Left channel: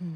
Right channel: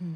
Good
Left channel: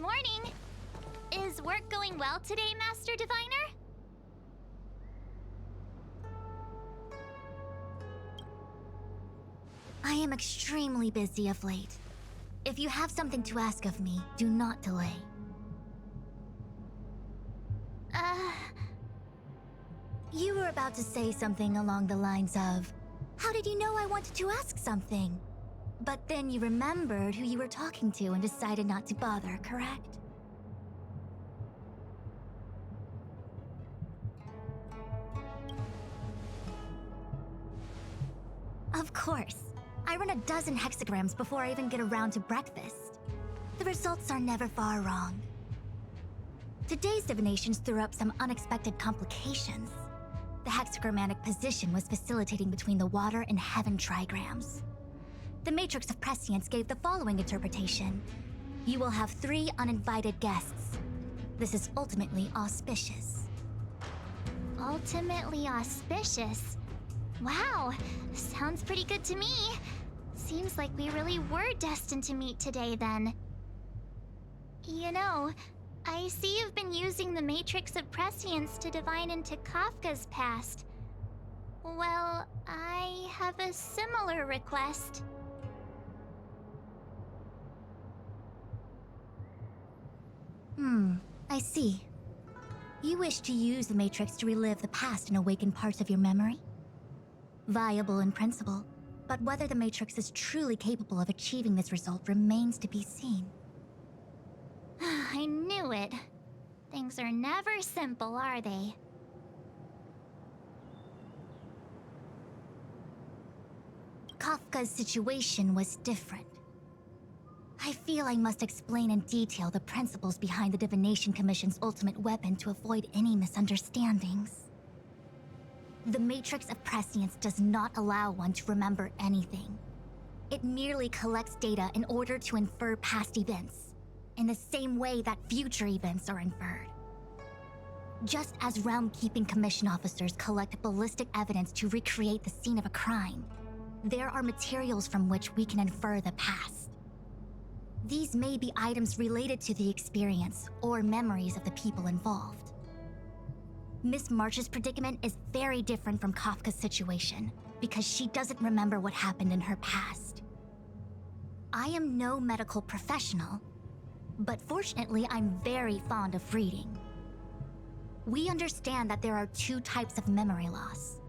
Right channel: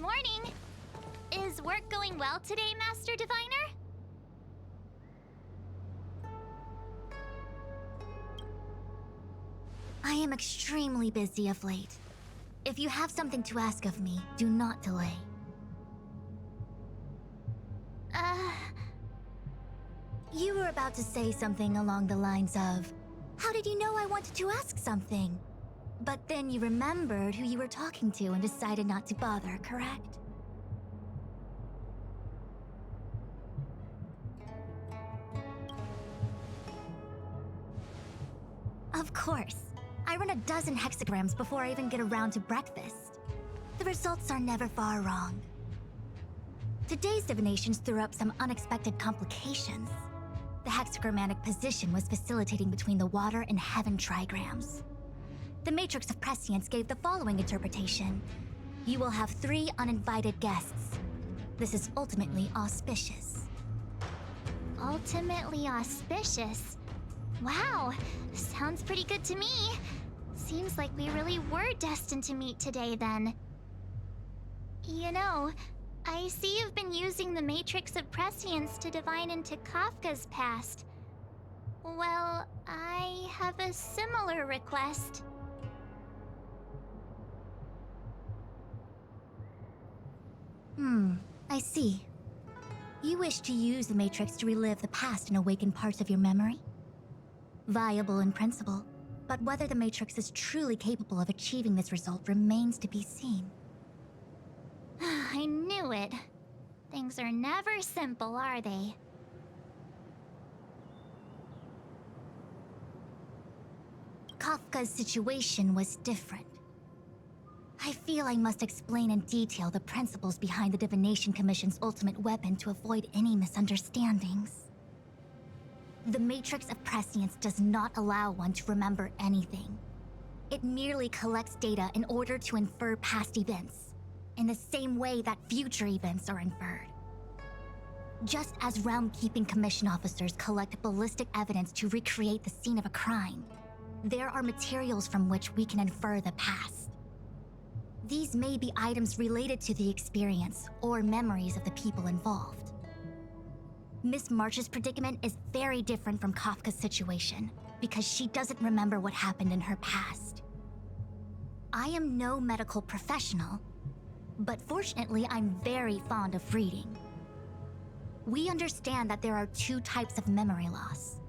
morning! Is work going well today, Master Diviner? I am extremely busy of late. If you have something to ask of me, do not delay. You were about to say something along the lines of, how did you know I wanted to ask something? But then you remembered who you were talking to and decided not to bother, correct? Of course. I run a dozen hexagrams before I even get around to breakfast. The results are never far wrong. Today's divinations threw up some unexpected complications. The hexagrammatic position was facilitating between the water and heaven trigrams. The Matrix of Prescience gave the following interpretation. You will have 3 uninvited guests. This is ultimately auspicious. Ultimately auspicious? Wow, sounds pretty good to me. Seems like we really were destined to meet today then. You know, I see you've been using the Matrix of Prescience to divine into Kafka's past. Well, I have a similar request. I see. You wish to use the Matrix to relive the past and awaken parts of your memory? Viable in principle, but whether the Matrix is truly capable of achieving this result remains to be seen. I knew it. Things are never simple, are they? Kafka's situation was different. I feel I must explain in detail the principles behind the Divination Commission's ultimate weapon to avoid any misunderstandings. The Matrix of Prescience does not allow one to remember anything. It merely collects data in order to infer past events, in the same way that future events are inferred. Just as Realm-Keeping Commission officers collect ballistic evidence to recreate the scene of a crime, there are materials from which we can infer the past. These may be items related to the experience or memories of the people involved. Miss March's predicament is very different from Kafka's situation because she doesn't remember what happened in her past. I am no medical professional, but fortunately I'm very fond of reading. We understand that there are 2 types of memory loss.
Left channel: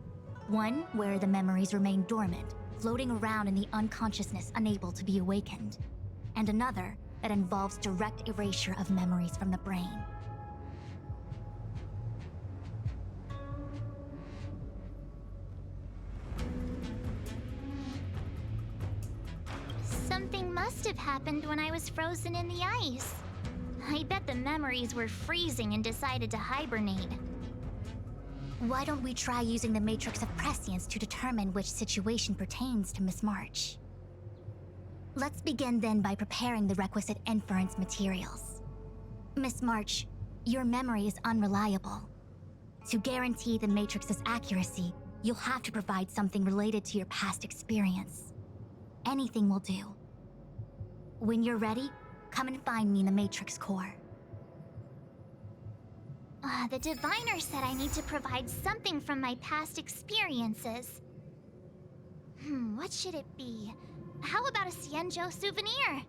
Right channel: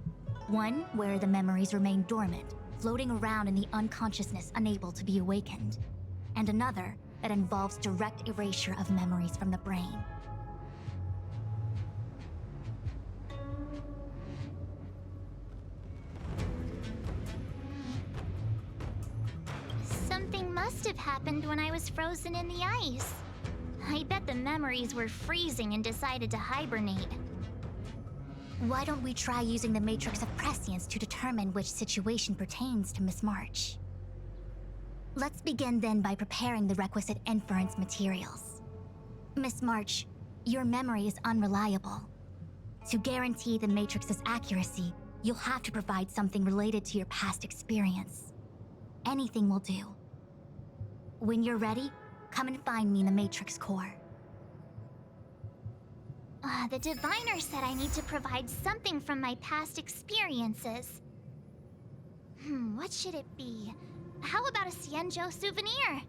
One where the memories remain dormant, floating around in the unconsciousness unable to be awakened, and another that involves direct erasure of memories from the brain. Something must have happened when I was frozen in the ice. I bet the memories were freezing and decided to hibernate. Why don't we try using the Matrix of Prescience to determine which situation pertains to Miss March? Let's begin then by preparing the requisite inference materials. Miss March, your memory is unreliable. To guarantee the Matrix's accuracy, You'll have to provide something related to your past experience. Anything will do. When you're ready, come and find me in the Matrix core. The diviner said I need to provide something from my past experiences. What should it be? How about a Xianzhou souvenir?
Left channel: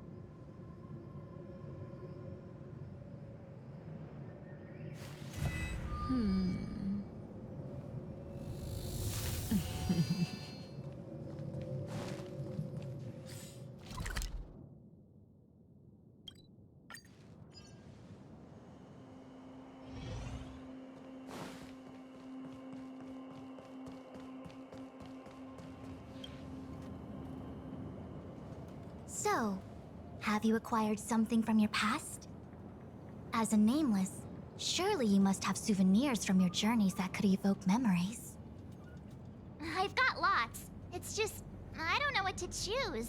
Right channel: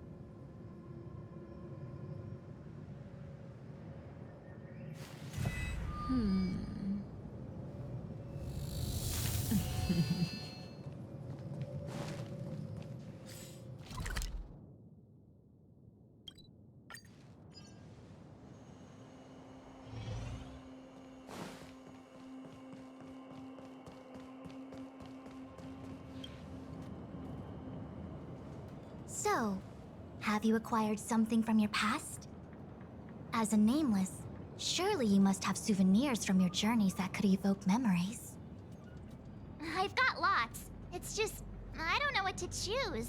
So, have you acquired something from your past? As a nameless, surely you must have souvenirs from your journeys that could evoke memories. I've got lots. It's just, I don't know what to choose.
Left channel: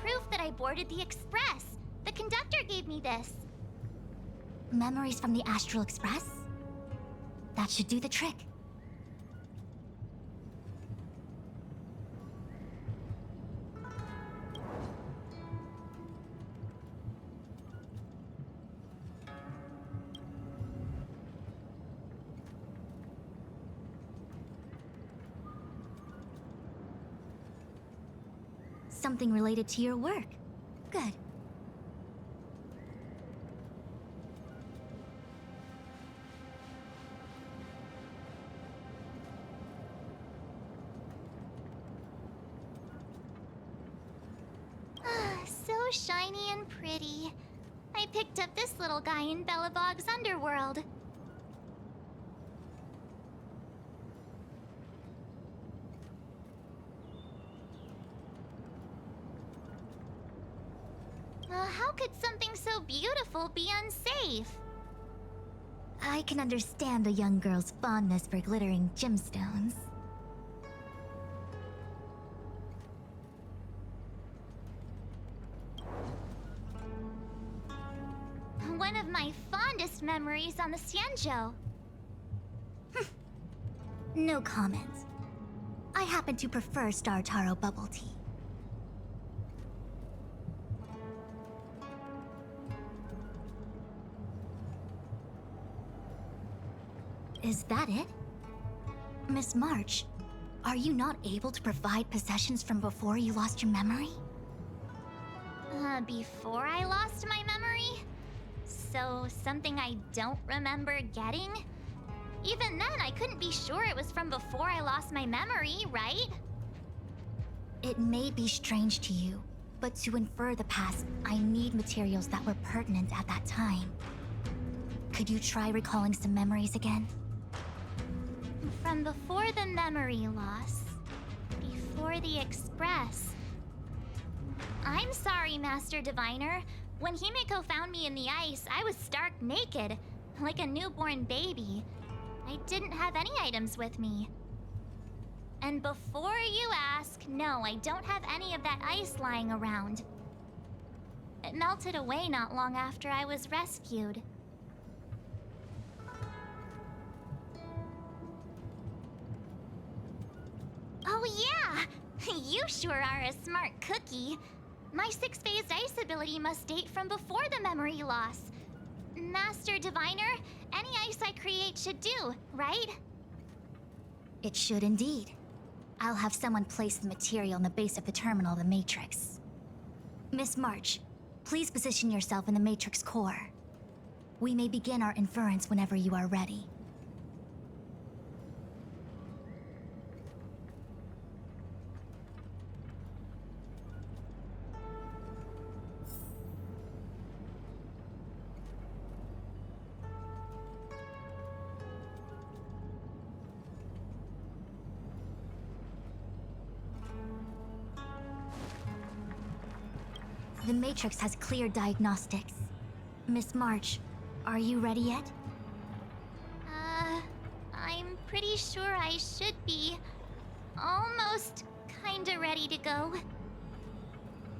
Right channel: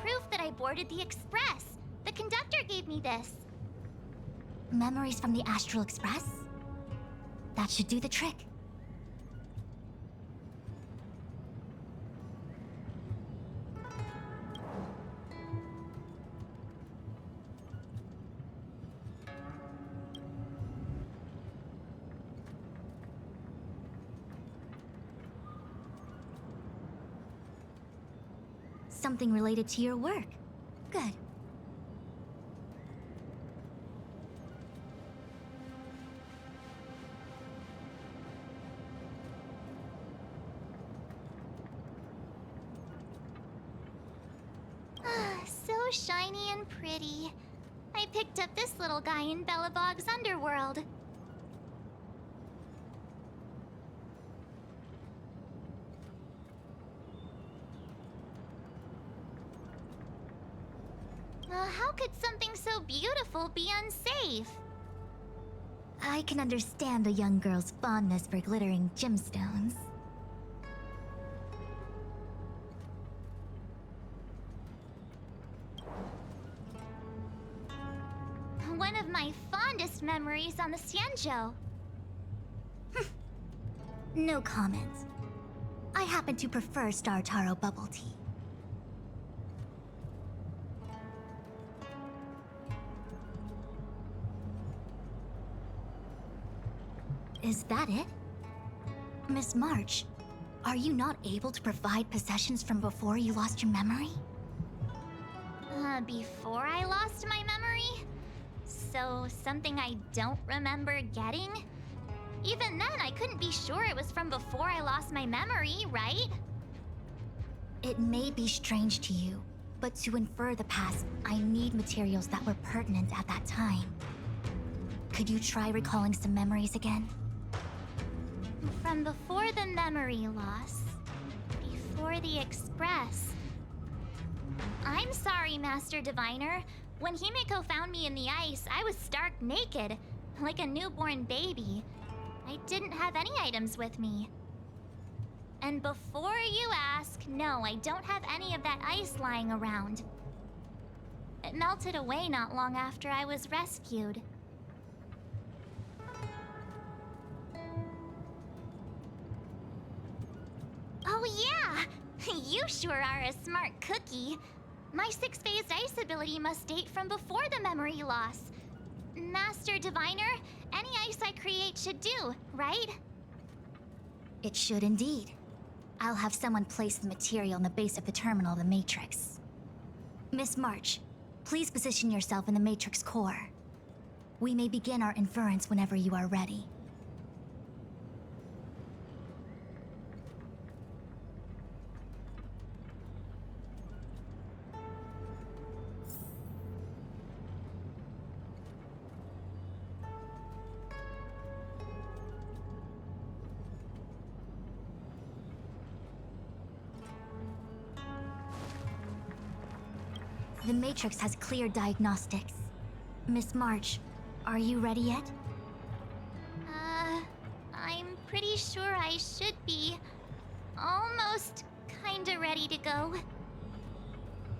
Proof that I boarded the express. The conductor gave me this. Memories from the Astral Express? That should do the trick. Something related to your work. Good. So shiny and pretty. I picked up this little guy in Belobog's underworld. How could something so beautiful be unsafe? I can understand a young girl's fondness for glittering gemstones. One of my fondest memories on the Xianzhou. No comment. I happen to prefer Star Taro bubble tea. Is that it? Miss March, are you not able to provide possessions from before you lost your memory? Before I lost my memory? So, something I don't remember getting? Even then, I couldn't be sure it was from before I lost my memory, right? It may be strange to you, but to infer the past, I need materials that were pertinent at that time. Could you try recalling some memories again? From before the memory loss. Before the Express. I'm sorry, Master Diviner. When Himeko found me in the ice, I was stark naked, like a newborn baby. I didn't have any items with me. And before you ask, no, I don't have any of that ice lying around. It melted away not long after I was rescued. Oh yeah! You sure are a smart cookie. My six-phased ice ability must date from before the memory loss. Master Diviner, any ice I create should do, right? It should indeed. I'll have someone place the material in the base of the terminal of the Matrix. Miss March, please position yourself in the Matrix core. We may begin our inference whenever you are ready. The Matrix has clear diagnostics. Miss March, are you ready yet? I'm pretty sure I should be. Almost kinda ready to go.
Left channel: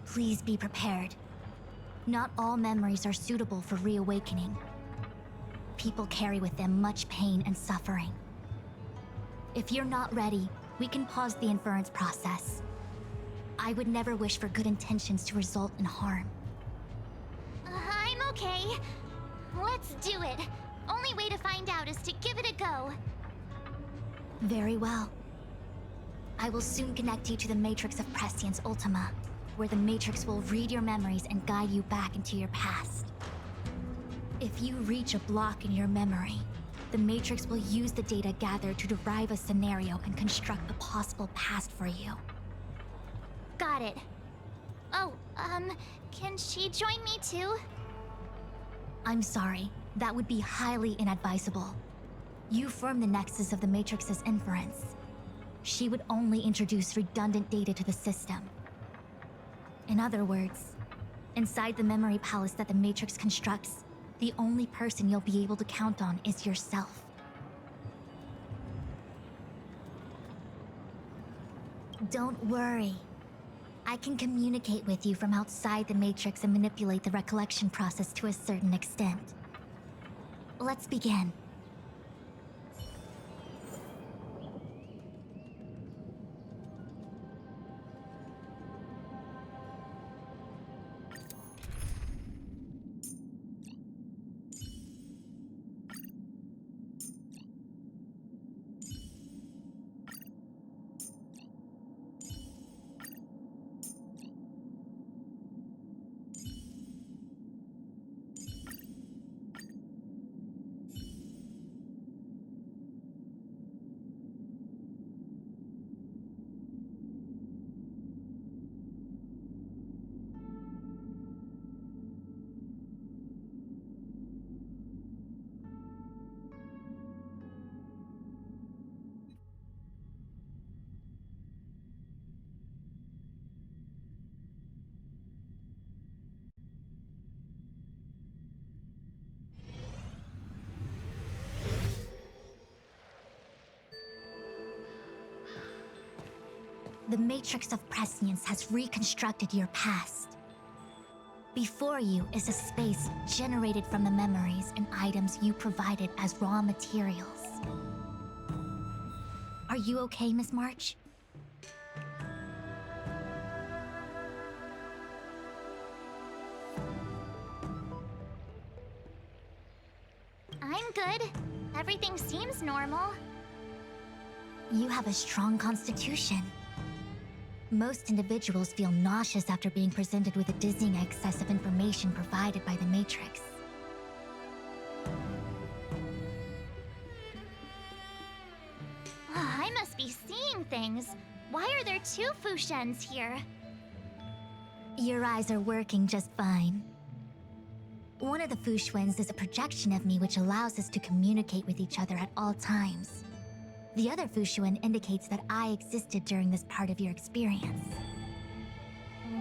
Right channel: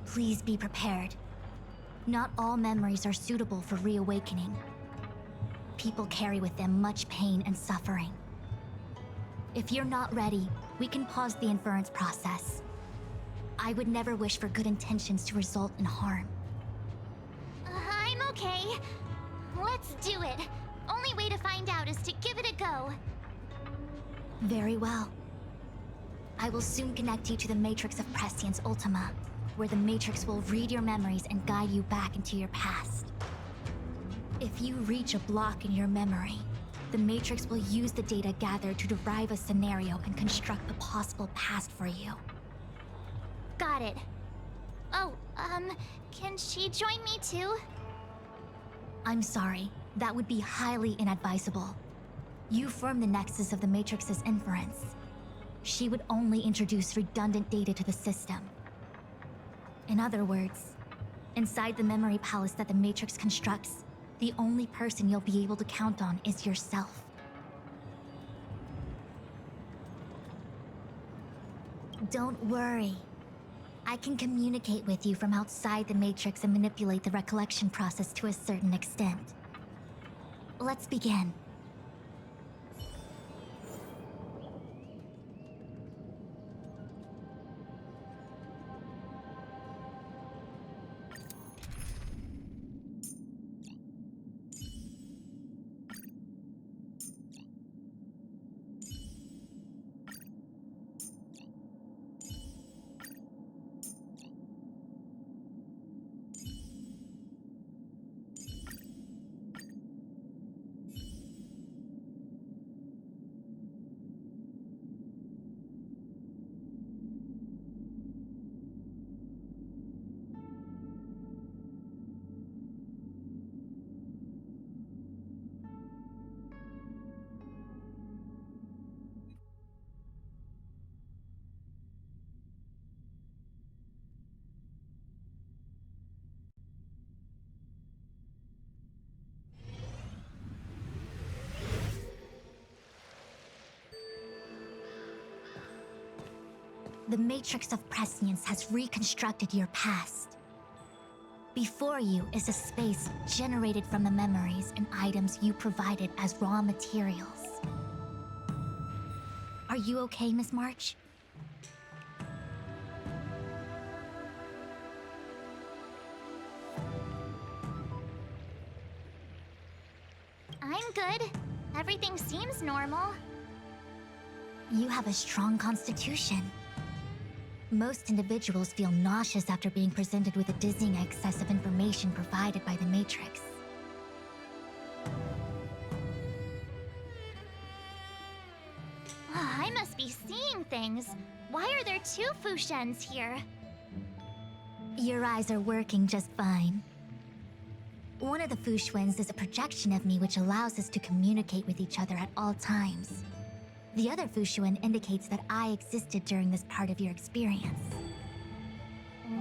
Please be prepared. Not all memories are suitable for reawakening. People carry with them much pain and suffering. If you're not ready, we can pause the inference process. I would never wish for good intentions to result in harm. I'm okay. Let's do it. Only way to find out is to give it a go. Very well. I will soon connect you to the Matrix of Prescience Ultima, where the Matrix will read your memories and guide you back into your past. If you reach a block in your memory, the Matrix will use the data gathered to derive a scenario and construct a possible past for you. Got it. Oh, can she join me too? I'm sorry, that would be highly inadvisable. You form the nexus of the Matrix's inference. She would only introduce redundant data to the system. In other words, inside the memory palace that the Matrix constructs, the only person you'll be able to count on is yourself. Don't worry. I can communicate with you from outside the Matrix and manipulate the recollection process to a certain extent. Let's begin. The Matrix of Prescience has reconstructed your past. Before you is a space generated from the memories and items you provided as raw materials. Are you okay, Miss March? I'm good. Everything seems normal. You have a strong constitution. Most individuals feel nauseous after being presented with a dizzying excess of information provided by the Matrix. I must be seeing things. Why are there two Fushens here? Your eyes are working just fine. One of the Fushwens is a projection of me which allows us to communicate with each other at all times. The other Fushuen indicates that I existed during this part of your experience.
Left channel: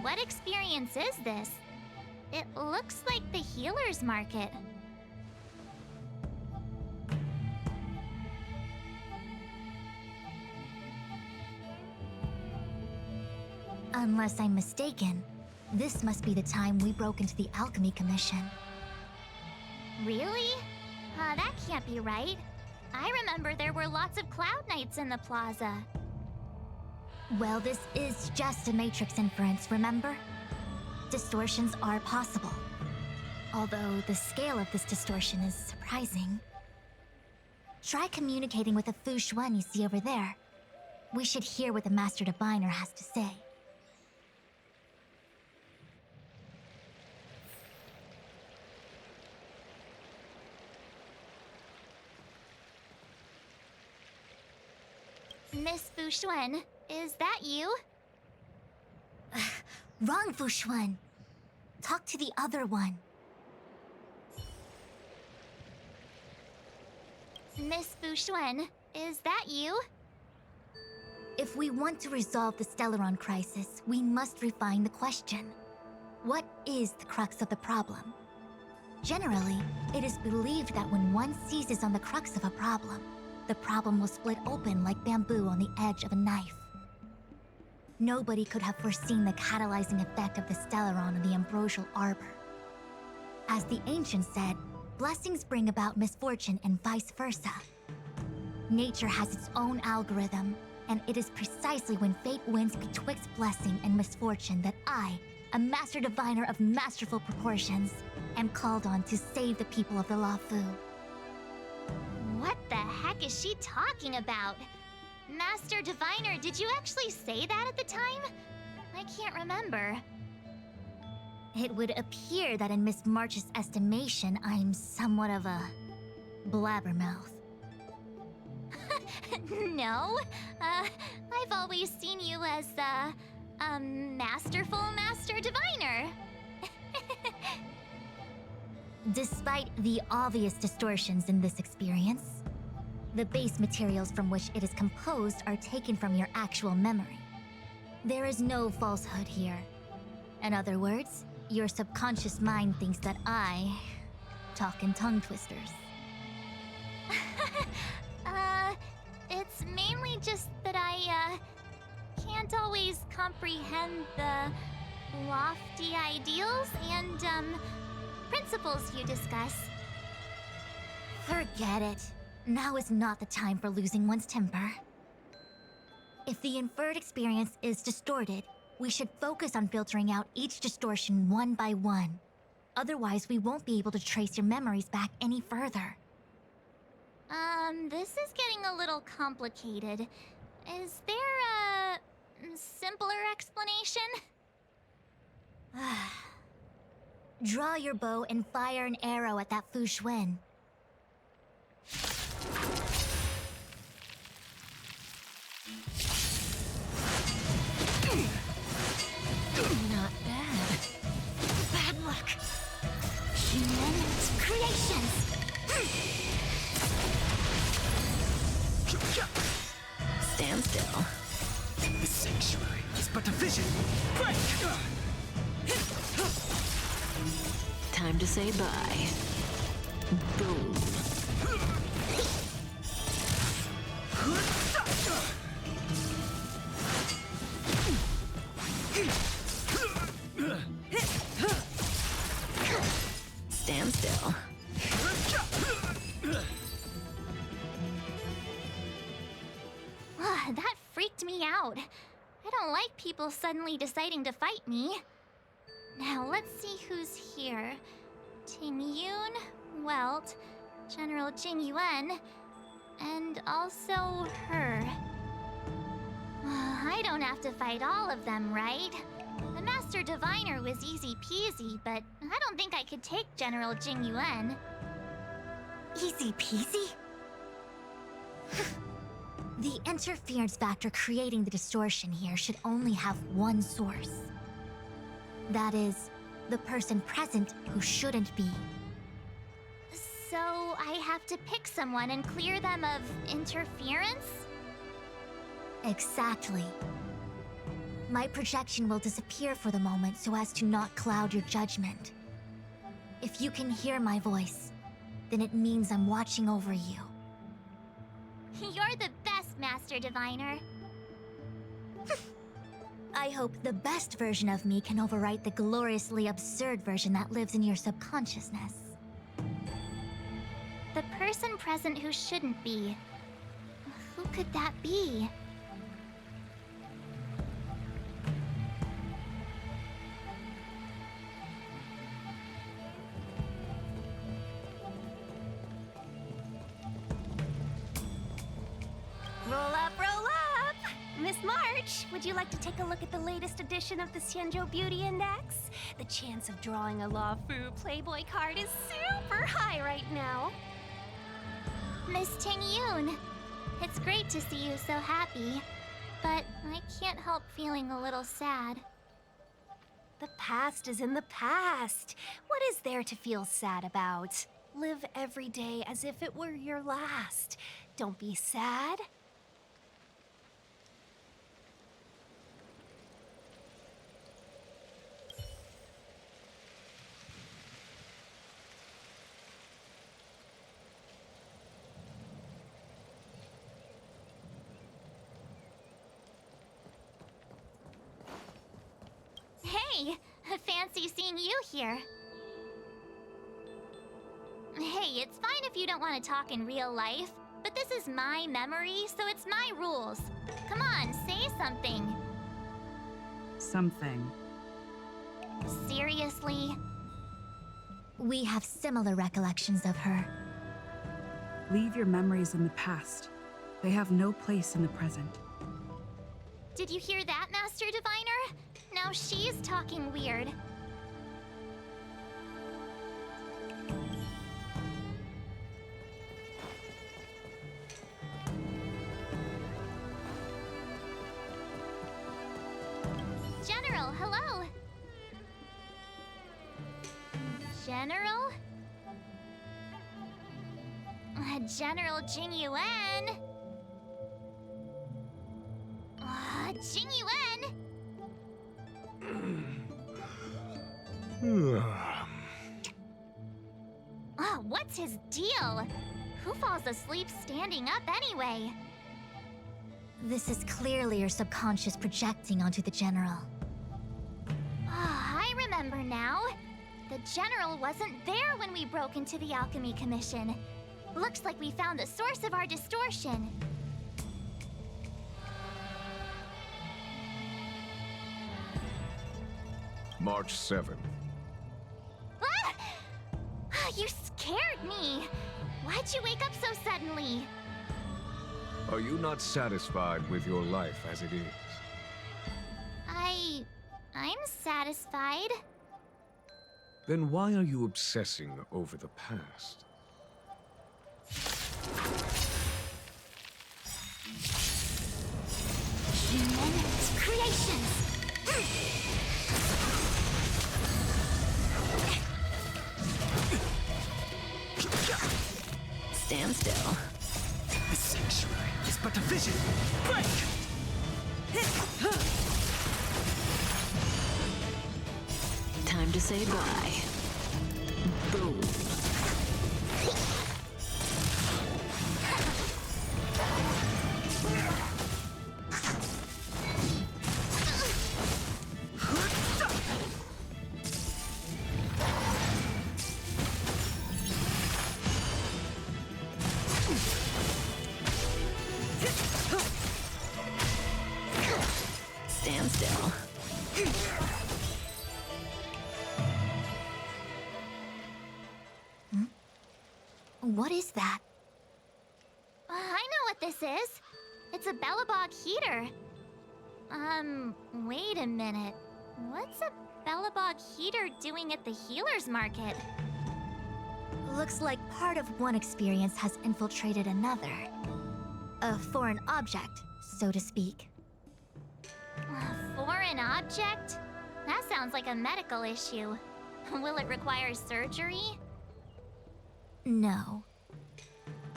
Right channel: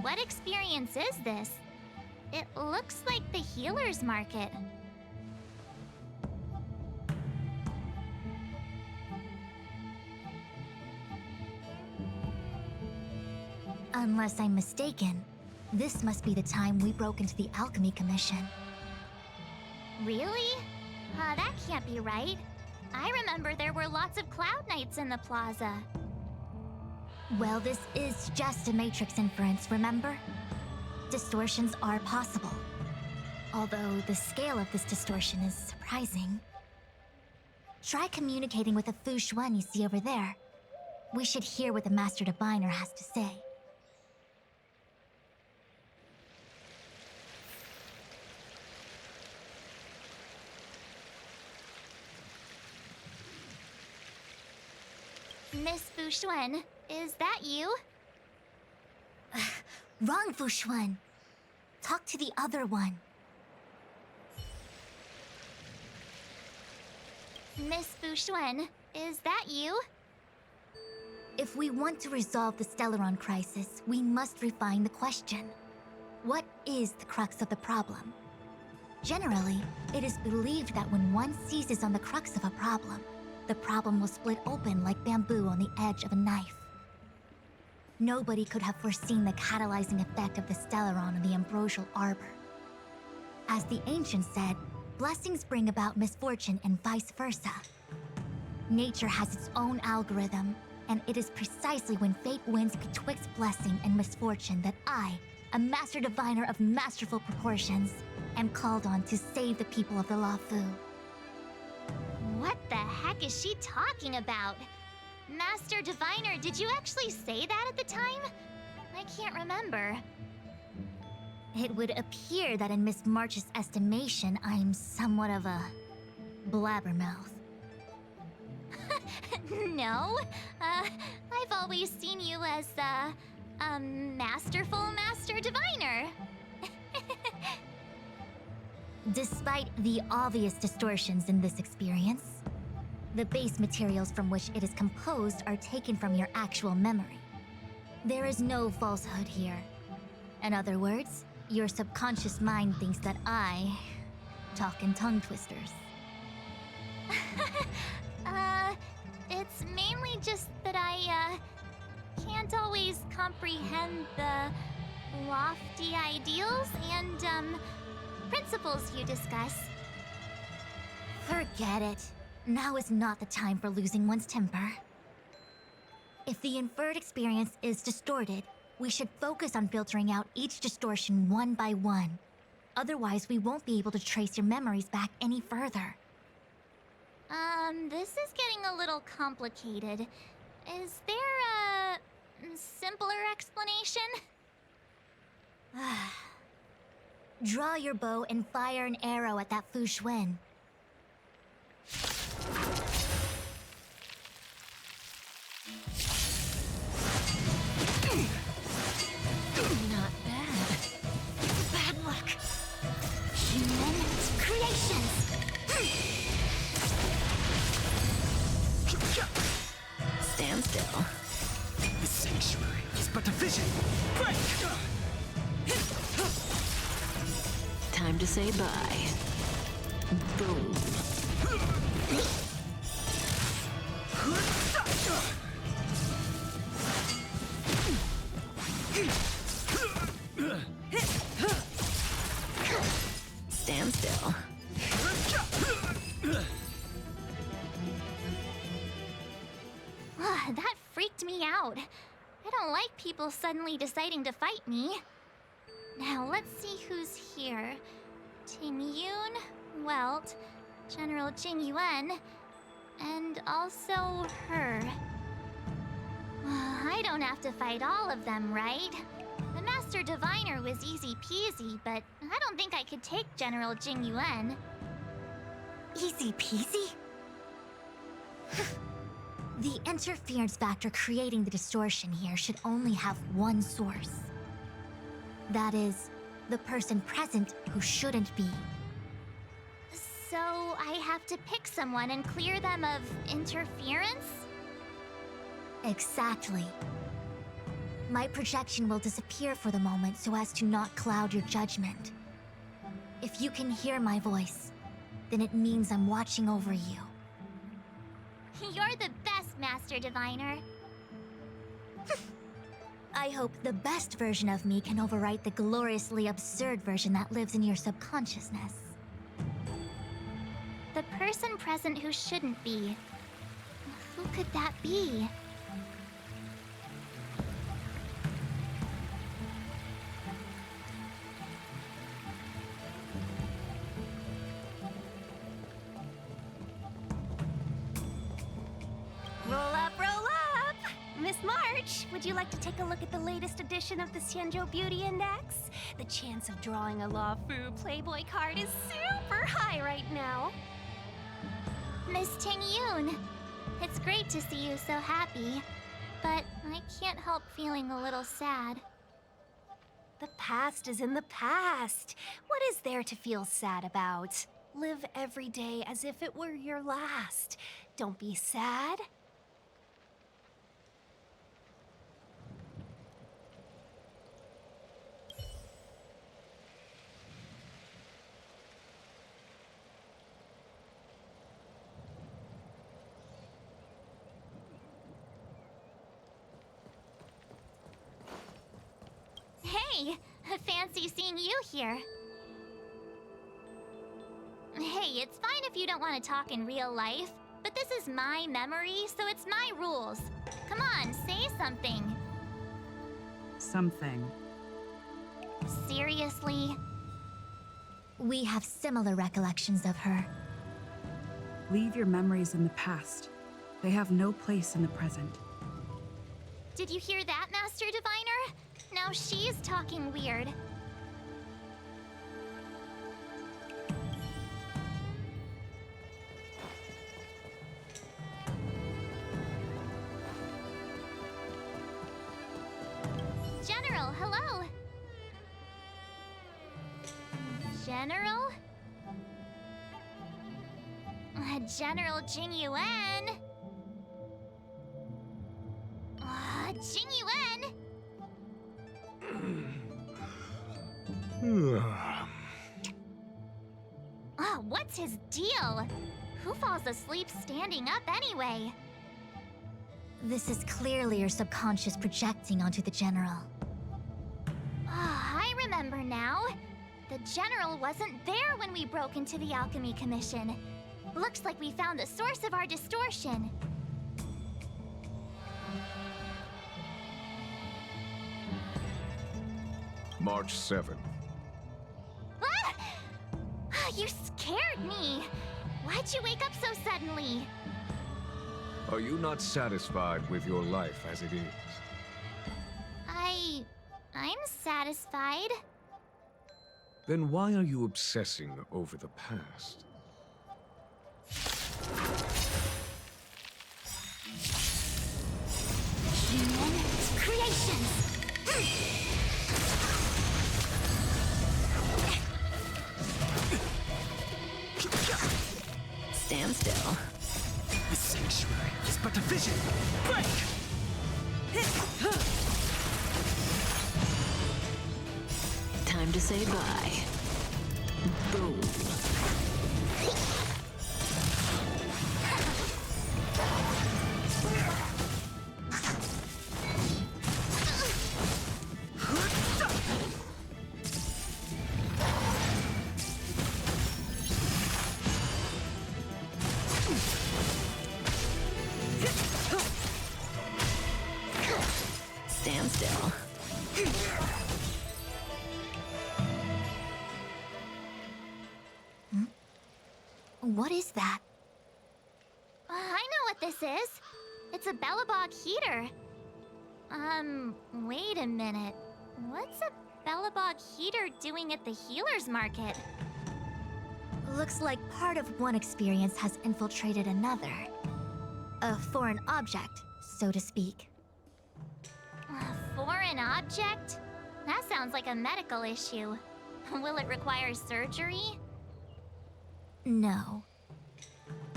What experience is this? It looks like the healer's market. Unless I'm mistaken, this must be the time we broke into the Alchemy Commission. Really? That can't be right. I remember there were lots of Cloud Knights in the plaza. Well, this is just a matrix inference, remember? Distortions are possible. Although the scale of this distortion is surprising. Try communicating with the Fu Xuan you see over there. We should hear what the Master Diviner has to say. Miss Fu Xuan, is that you? Wrong, Fu Xuan. Talk to the other one. Miss Fu Xuan, is that you? If we want to resolve the Stellaron crisis, we must refine the question. What is the crux of the problem? Generally, it is believed that when one seizes on the crux of a problem, the problem will split open like bamboo on the edge of a knife. Nobody could have foreseen the catalyzing effect of the Stellaron on the ambrosial arbor. As the ancients said, blessings bring about misfortune and vice versa. Nature has its own algorithm, and it is precisely when fate wins betwixt blessing and misfortune that I, a Master Diviner of masterful proportions, am called on to save the people of the Luofu. What the heck is she talking about? Master Diviner, did you actually say that at the time? I can't remember. It would appear that in Miss March's estimation, I'm somewhat of a blabbermouth. No, I've always seen you as a masterful Master Diviner. Despite the obvious distortions in this experience, the base materials from which it is composed are taken from your actual memory. There is no falsehood here. In other words, your subconscious mind thinks that I talk in tongue twisters. It's mainly just that I can't always comprehend the lofty ideals and principles you discuss. Forget it. Now is not the time for losing one's temper. If the inferred experience is distorted, we should focus on filtering out each distortion one by one. Otherwise, we won't be able to trace your memories back any further. This is getting a little complicated. Is there a simpler explanation? Draw your bow and fire an arrow at that Fu Xuan. Not bad. Bad luck. Human creations. Stand still. The sanctuary is but a vision. Break! Time to say bye. Boom. Stand still. That freaked me out. I don't like people suddenly deciding to fight me. Now let's see who's here. Ting Yun, Welt, General Jing Yuan, and also her. I don't have to fight all of them, right? The Master Diviner was easy peasy, but I don't think I could take General Jing Yuan. Easy peasy? The interference factor creating the distortion here should only have one source. That is, the person present who shouldn't be. So I have to pick someone and clear them of interference? Exactly. My projection will disappear for the moment so as to not cloud your judgment. If you can hear my voice, then it means I'm watching over you. You're the best, Master Diviner. I hope the best version of me can overwrite the gloriously absurd version that lives in your subconsciousness. The person present who shouldn't be. Who could that be? March, would you like to take a look at the latest edition of the Xianzhou Beauty Index? The chance of drawing a Luofu Playboy card is super high right now. Miss Tingyun, it's great to see you so happy, but I can't help feeling a little sad. The past is in the past. What is there to feel sad about? Live every day as if it were your last. Don't be sad. Hey, fancy seeing you here. Hey, it's fine if you don't want to talk in real life, but this is my memory, so it's my rules. Come on, say something. Something. Seriously? We have similar recollections of her. Leave your memories in the past. They have no place in the present. Did you hear that, Master Diviner? Now she's talking weird. General, hello! General? General Jing Yuan? Jing Yuan? What's his deal? Who falls asleep standing up anyway? This is clearly your subconscious projecting onto the General. I remember now. The General wasn't there when we broke into the Alchemy Commission. Looks like we found the source of our distortion. March 7th. Ah! You scared me. Why'd you wake up so suddenly? Are you not satisfied with your life as it is? I'm satisfied. Then why are you obsessing over the past? Human creations! Stand still. The sanctuary is but a vision. Break! Time to say bye. Boom. Stand still. What is that? I know what this is. It's a Bellabog heater. Wait a minute. What's a Bellabog heater doing at the healer's market? Looks like part of one experience has infiltrated another. A foreign object, so to speak. A foreign object? That sounds like a medical issue. Will it require surgery? No.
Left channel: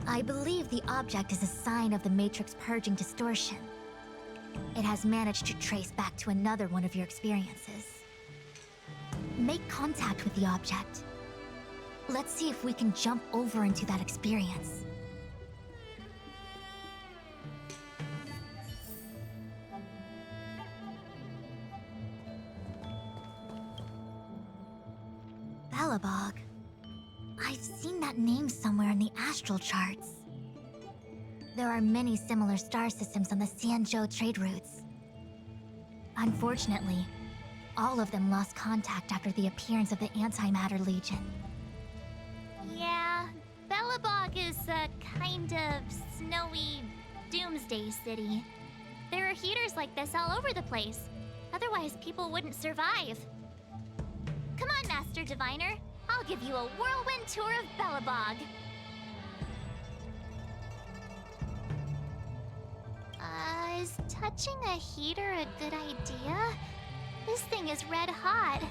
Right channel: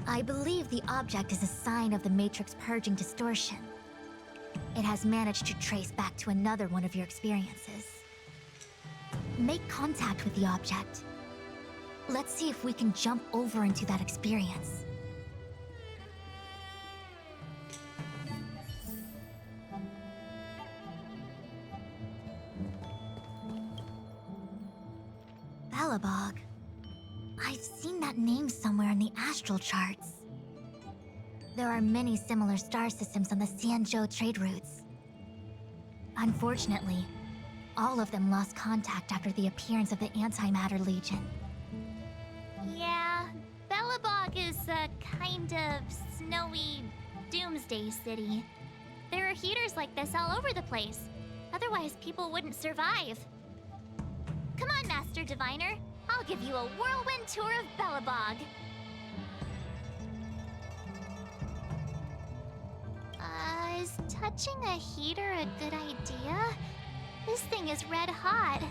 I believe the object is a sign of the Matrix purging distortion. It has managed to trace back to another one of your experiences. Make contact with the object. Let's see if we can jump over into that experience. Bellabog. I've seen that name somewhere in the astral charts. There are many similar star systems on the Xianzhou trade routes. Unfortunately, all of them lost contact after the appearance of the Antimatter Legion. Yeah, Bellabog is a kind of snowy doomsday city. There are heaters like this all over the place. Otherwise, people wouldn't survive. Come on, Master Diviner. I'll give you a whirlwind tour of Belobog. Is touching a heater a good idea? This thing is red hot.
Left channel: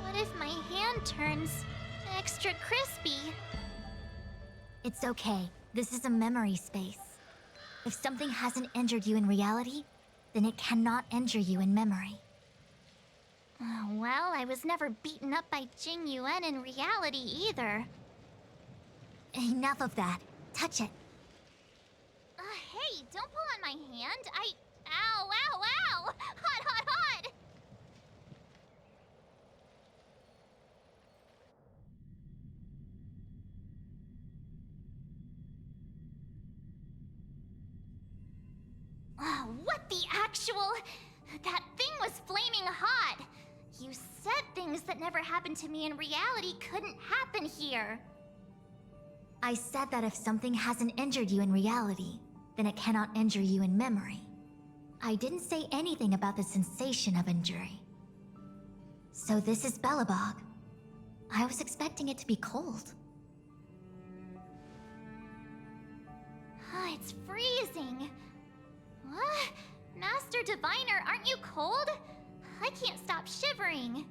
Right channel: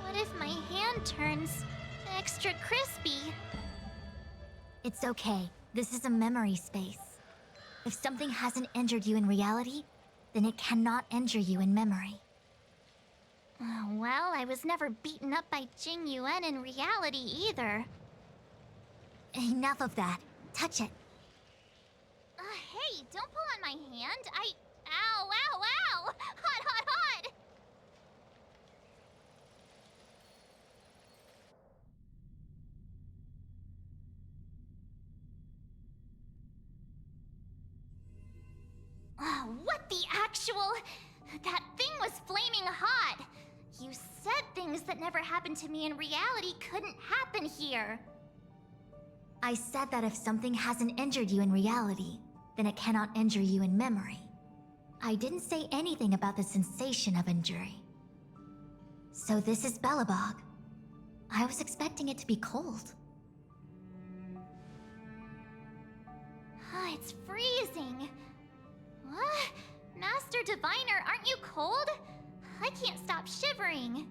What if my hand turns extra crispy? It's okay. This is a memory space. If something hasn't injured you in reality, then it cannot injure you in memory. Well, I was never beaten up by Jing Yuan in reality either. Enough of that. Touch it. Hey, don't pull on my hand. Ow, ow, ow! Hot, hot, hot! What the actual... That thing was flaming hot! You said things that never happened to me in reality couldn't happen here. I said that if something hasn't injured you in reality, then it cannot injure you in memory. I didn't say anything about the sensation of injury. So this is Belobog. I was expecting it to be cold. It's freezing. What? Master Diviner, aren't you cold? I can't stop shivering.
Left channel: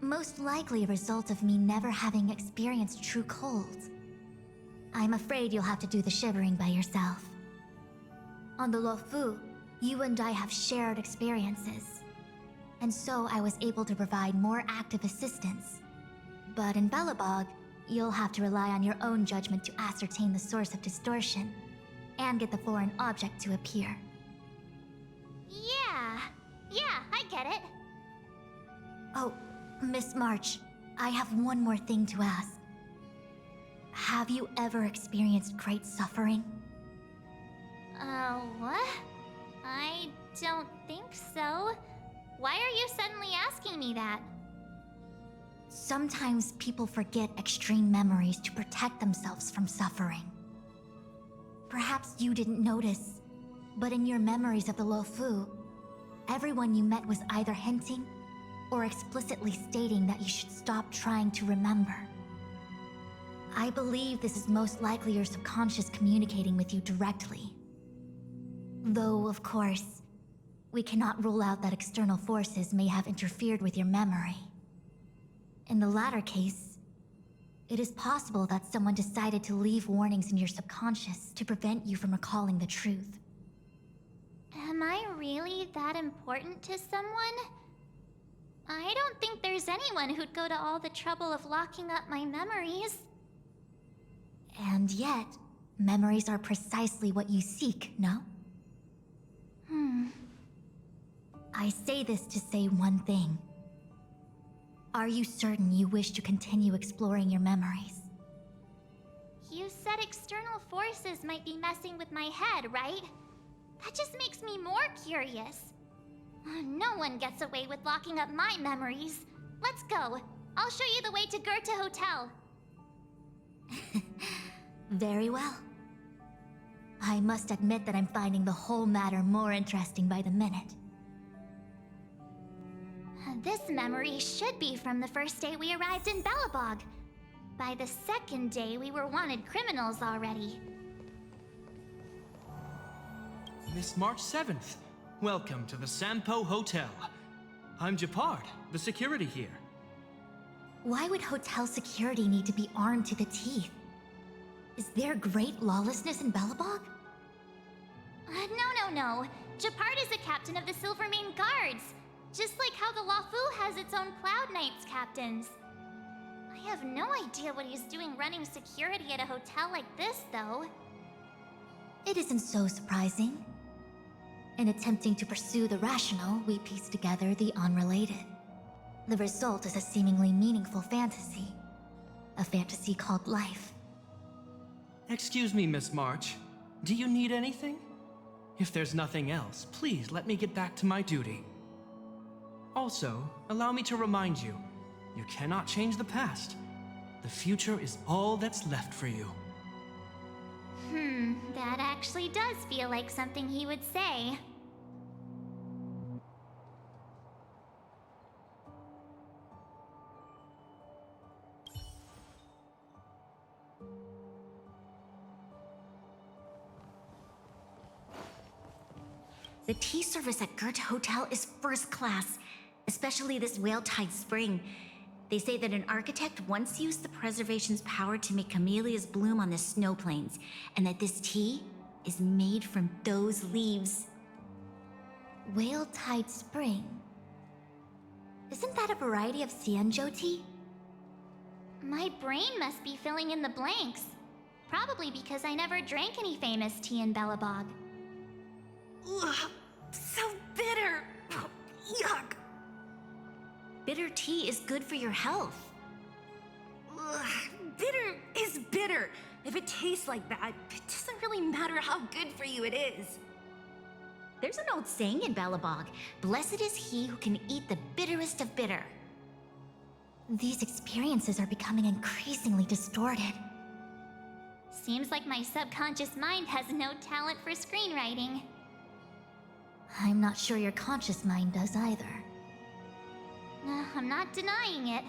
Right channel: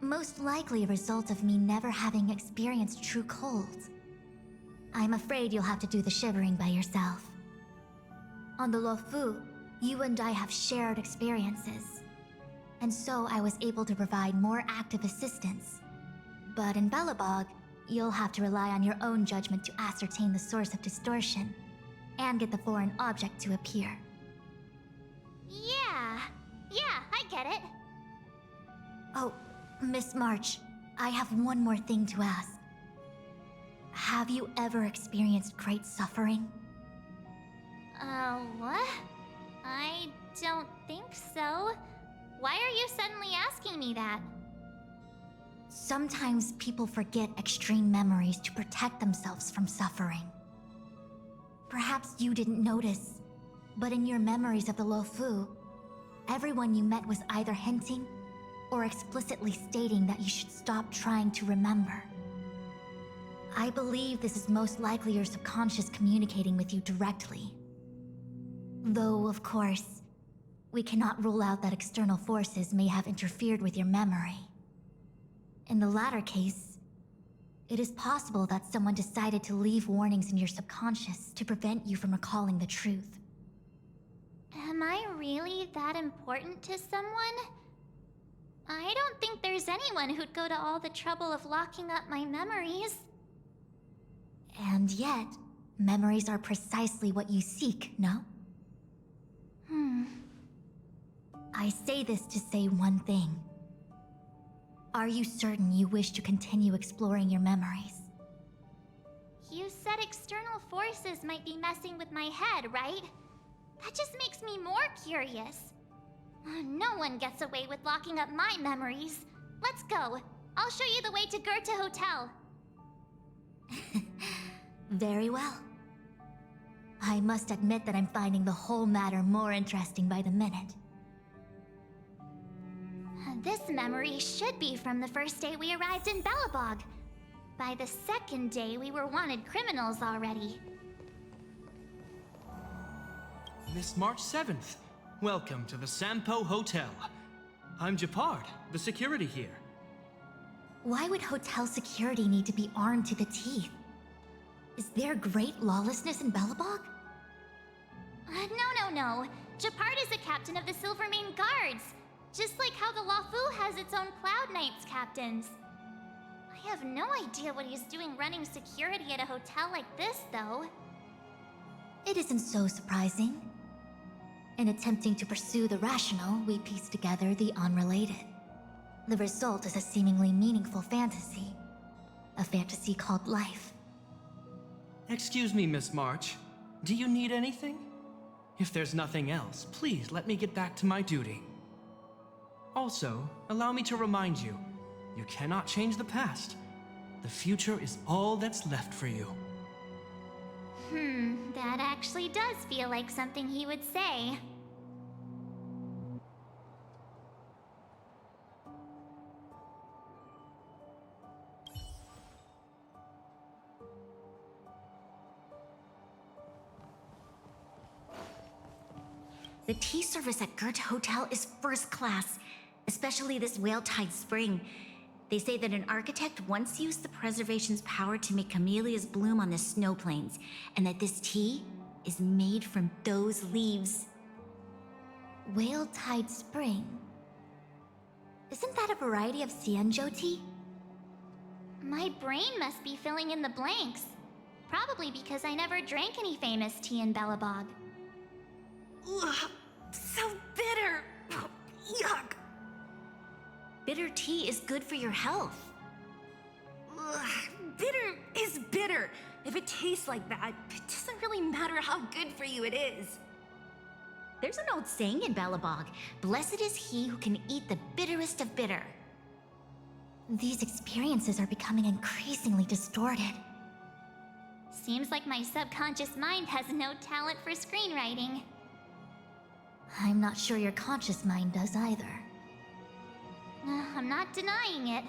Most likely a result of me never having experienced true cold. I'm afraid you'll have to do the shivering by yourself. On the Luofu, you and I have shared experiences, and so I was able to provide more active assistance. But in Belobog, you'll have to rely on your own judgment to ascertain the source of distortion, and get the foreign object to appear. Yeah, I get it. Oh, Miss March, I have one more thing to ask. Have you ever experienced great suffering? What? I don't think so. Why are you suddenly asking me that? Sometimes people forget extreme memories to protect themselves from suffering. Perhaps you didn't notice, but in your memories of the Luofu, everyone you met was either hinting or explicitly stating that you should stop trying to remember. I believe this is most likely your subconscious communicating with you directly. Though, of course, we cannot rule out that external forces may have interfered with your memory. In the latter case, it is possible that someone decided to leave warnings in your subconscious to prevent you from recalling the truth. Am I really that important to someone? I don't think there's anyone who'd go to all the trouble of locking up my memories. And yet, memories are precisely what you seek, no? I say this to say one thing. Are you certain you wish to continue exploring your memories? You said external forces might be messing with my head, right? That just makes me more curious. No one gets away with locking up my memories. Let's go. I'll show you the way to Goethe Hotel. Very well. I must admit that I'm finding the whole matter more interesting by the minute. This memory should be from the first day we arrived in Belobog. By the second day, we were wanted criminals already. Miss March 7th, welcome to the Sampo Hotel. I'm Japard, the security here. Why would hotel security need to be armed to the teeth? Is there great lawlessness in Belobog? No. Japard is a captain of the Silvermane Guards. Just like how the Luofu has its own Cloud Knights captains. I have no idea what he's doing running security at a hotel like this, though. It isn't so surprising. In attempting to pursue the rational, we piece together the unrelated. The result is a seemingly meaningful fantasy. A fantasy called life. Excuse me, Miss March. Do you need anything? If there's nothing else, please let me get back to my duty. Also, allow me to remind you, you cannot change the past. The future is all that's left for you. That actually does feel like something he would say. The tea service at Goethe Hotel is first class, especially this Whale-Tide Spring. They say that an architect once used the preservation's power to make camellias bloom on the snow plains, and that this tea is made from those leaves. Whale-Tide Spring? Isn't that a variety of Xianzhou tea? My brain must be filling in the blanks. Probably because I never drank any famous tea in Belobog. Ugh, so bitter. Yuck. Bitter tea is good for your health. Ugh, bitter is bitter. If it tastes like that, it doesn't really matter how good for you it is. There's an old saying in Belobog, blessed is he who can eat the bitterest of bitter. These experiences are becoming increasingly distorted. Seems like my subconscious mind has no talent for screenwriting. I'm not sure your conscious mind does either. I'm not denying it.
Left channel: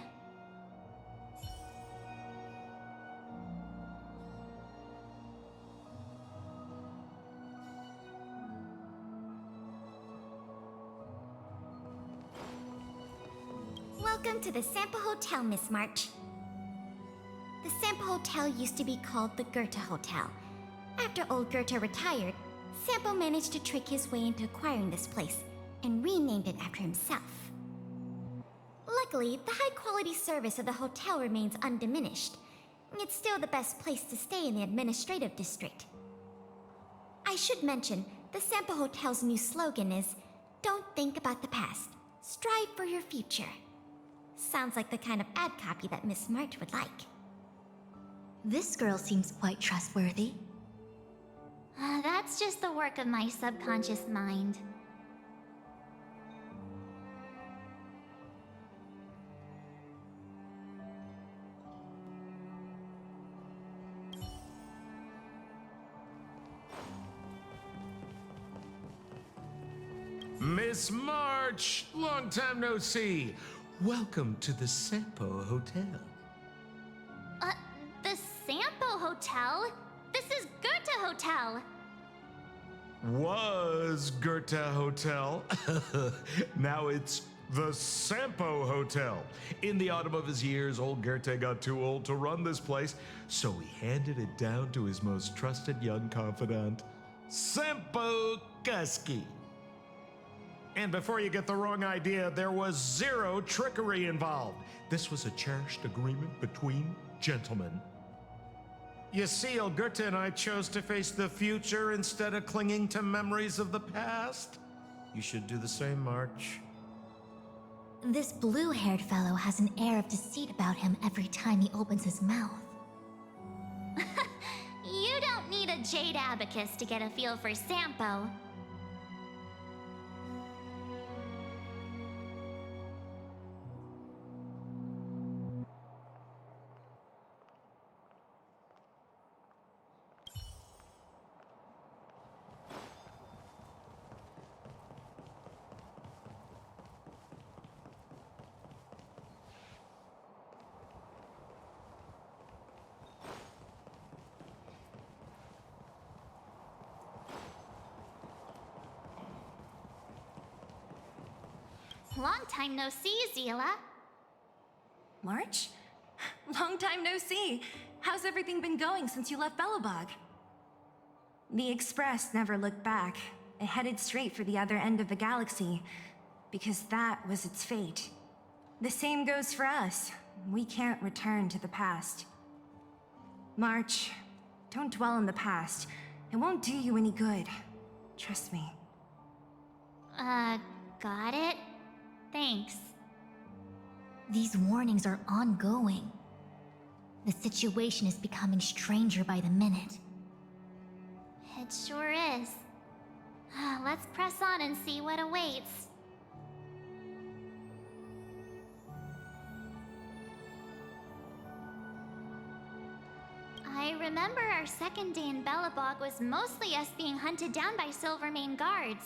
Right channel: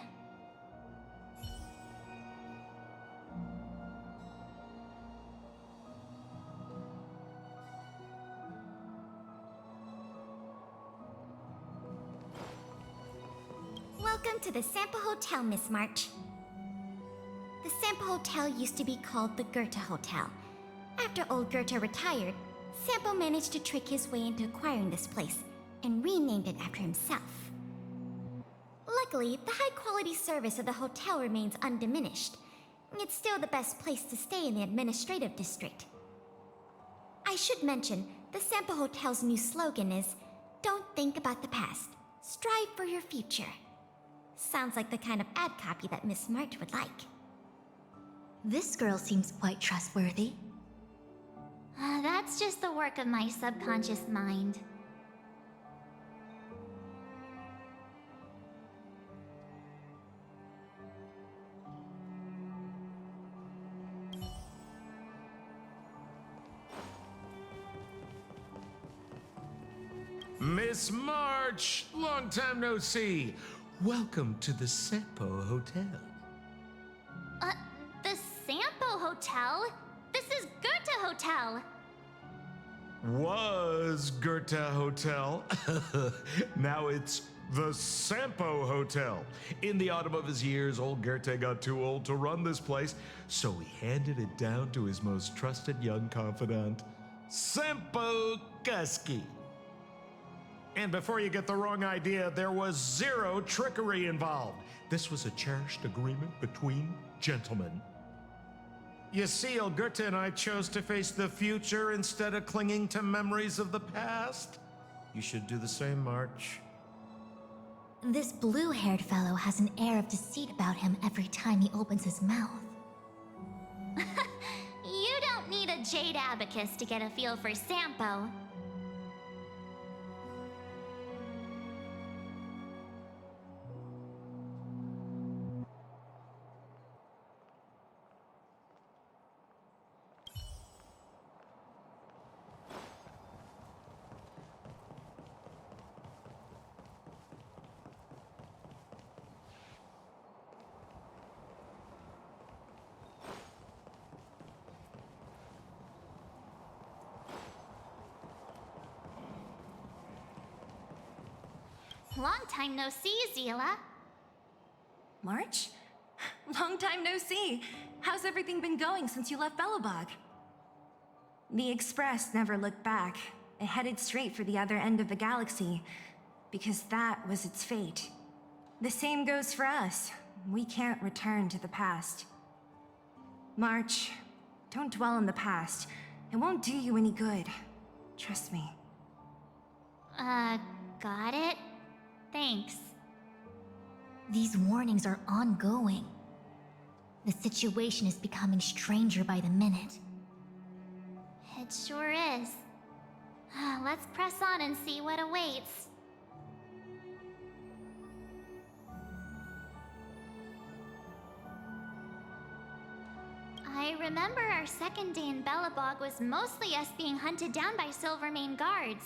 Welcome to the Sampo Hotel, Miss March. The Sampo Hotel used to be called the Goethe Hotel. After old Goethe retired, Sampo managed to trick his way into acquiring this place and renamed it after himself. Luckily, the high-quality service of the hotel remains undiminished. It's still the best place to stay in the administrative district. I should mention, the Sampo Hotel's new slogan is, "Don't think about the past, strive for your future." Sounds like the kind of ad copy that Miss March would like. This girl seems quite trustworthy. That's just the work of my subconscious mind. Miss March, long time no see. Welcome to the Sampo Hotel. The Sampo Hotel? This is Goethe Hotel! Was Goethe Hotel. Now it's the Sampo Hotel. In the autumn of his years, old Goethe got too old to run this place, so he handed it down to his most trusted young confidant, Sampo Kuski. And before you get the wrong idea, there was zero trickery involved. This was a cherished agreement between gentlemen. You see, old Goethe and I chose to face the future instead of clinging to memories of the past. You should do the same, March. This blue-haired fellow has an air of deceit about him every time he opens his mouth. You don't need a jade abacus to get a feel for Sampo. Long time no see, Zila. March? Long time no see. How's everything been going since you left Belobog? The Express never looked back. It headed straight for the other end of the galaxy, because that was its fate. The same goes for us. We can't return to the past. March, don't dwell on the past. It won't do you any good. Trust me. Got it? Thanks. These warnings are ongoing. The situation is becoming stranger by the minute. It sure is. Let's press on and see what awaits. I remember our second day in Belobog was mostly us being hunted down by Silvermane guards.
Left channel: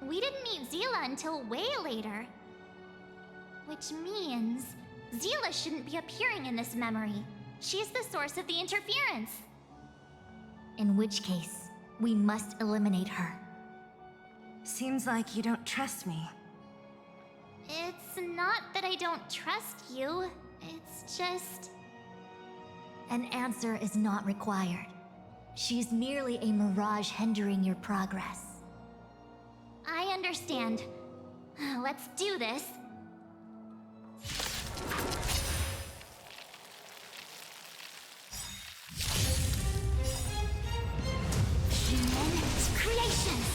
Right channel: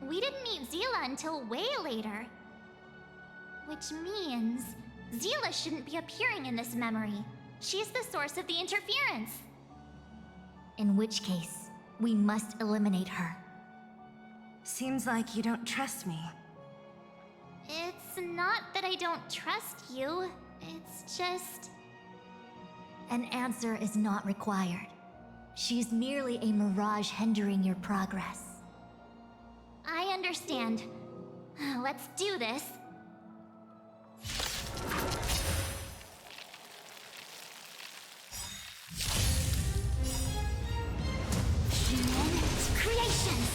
We didn't meet Zila until way later. Which means Zila shouldn't be appearing in this memory. She's the source of the interference. In which case, we must eliminate her. Seems like you don't trust me. It's not that I don't trust you. It's just... An answer is not required. She's merely a mirage hindering your progress. I understand. Let's do this. Human creations!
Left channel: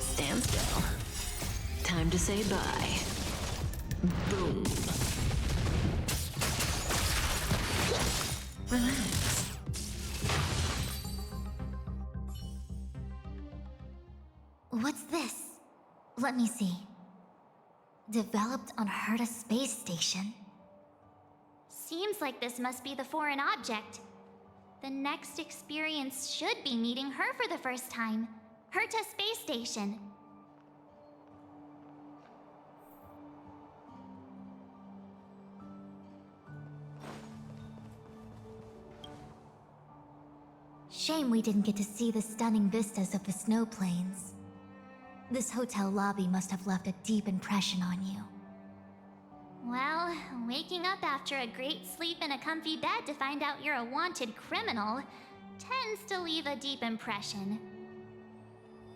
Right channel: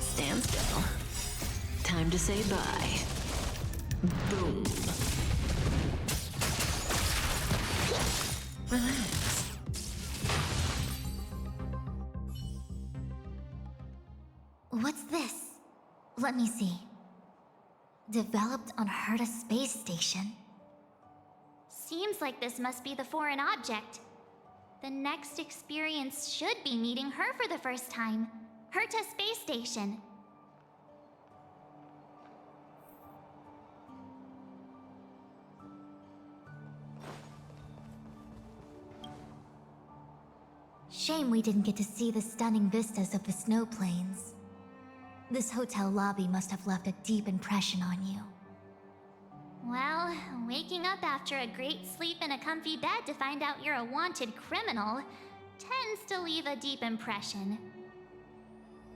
Stand still. Time to say bye. Boom. Relax. What's this? Let me see. Developed on Herta space station. Seems like this must be the foreign object. The next experience should be meeting her for the first time. Herta Space Station. Shame we didn't get to see the stunning vistas of the snow plains. This hotel lobby must have left a deep impression on you. Well, waking up after a great sleep in a comfy bed to find out you're a wanted criminal tends to leave a deep impression.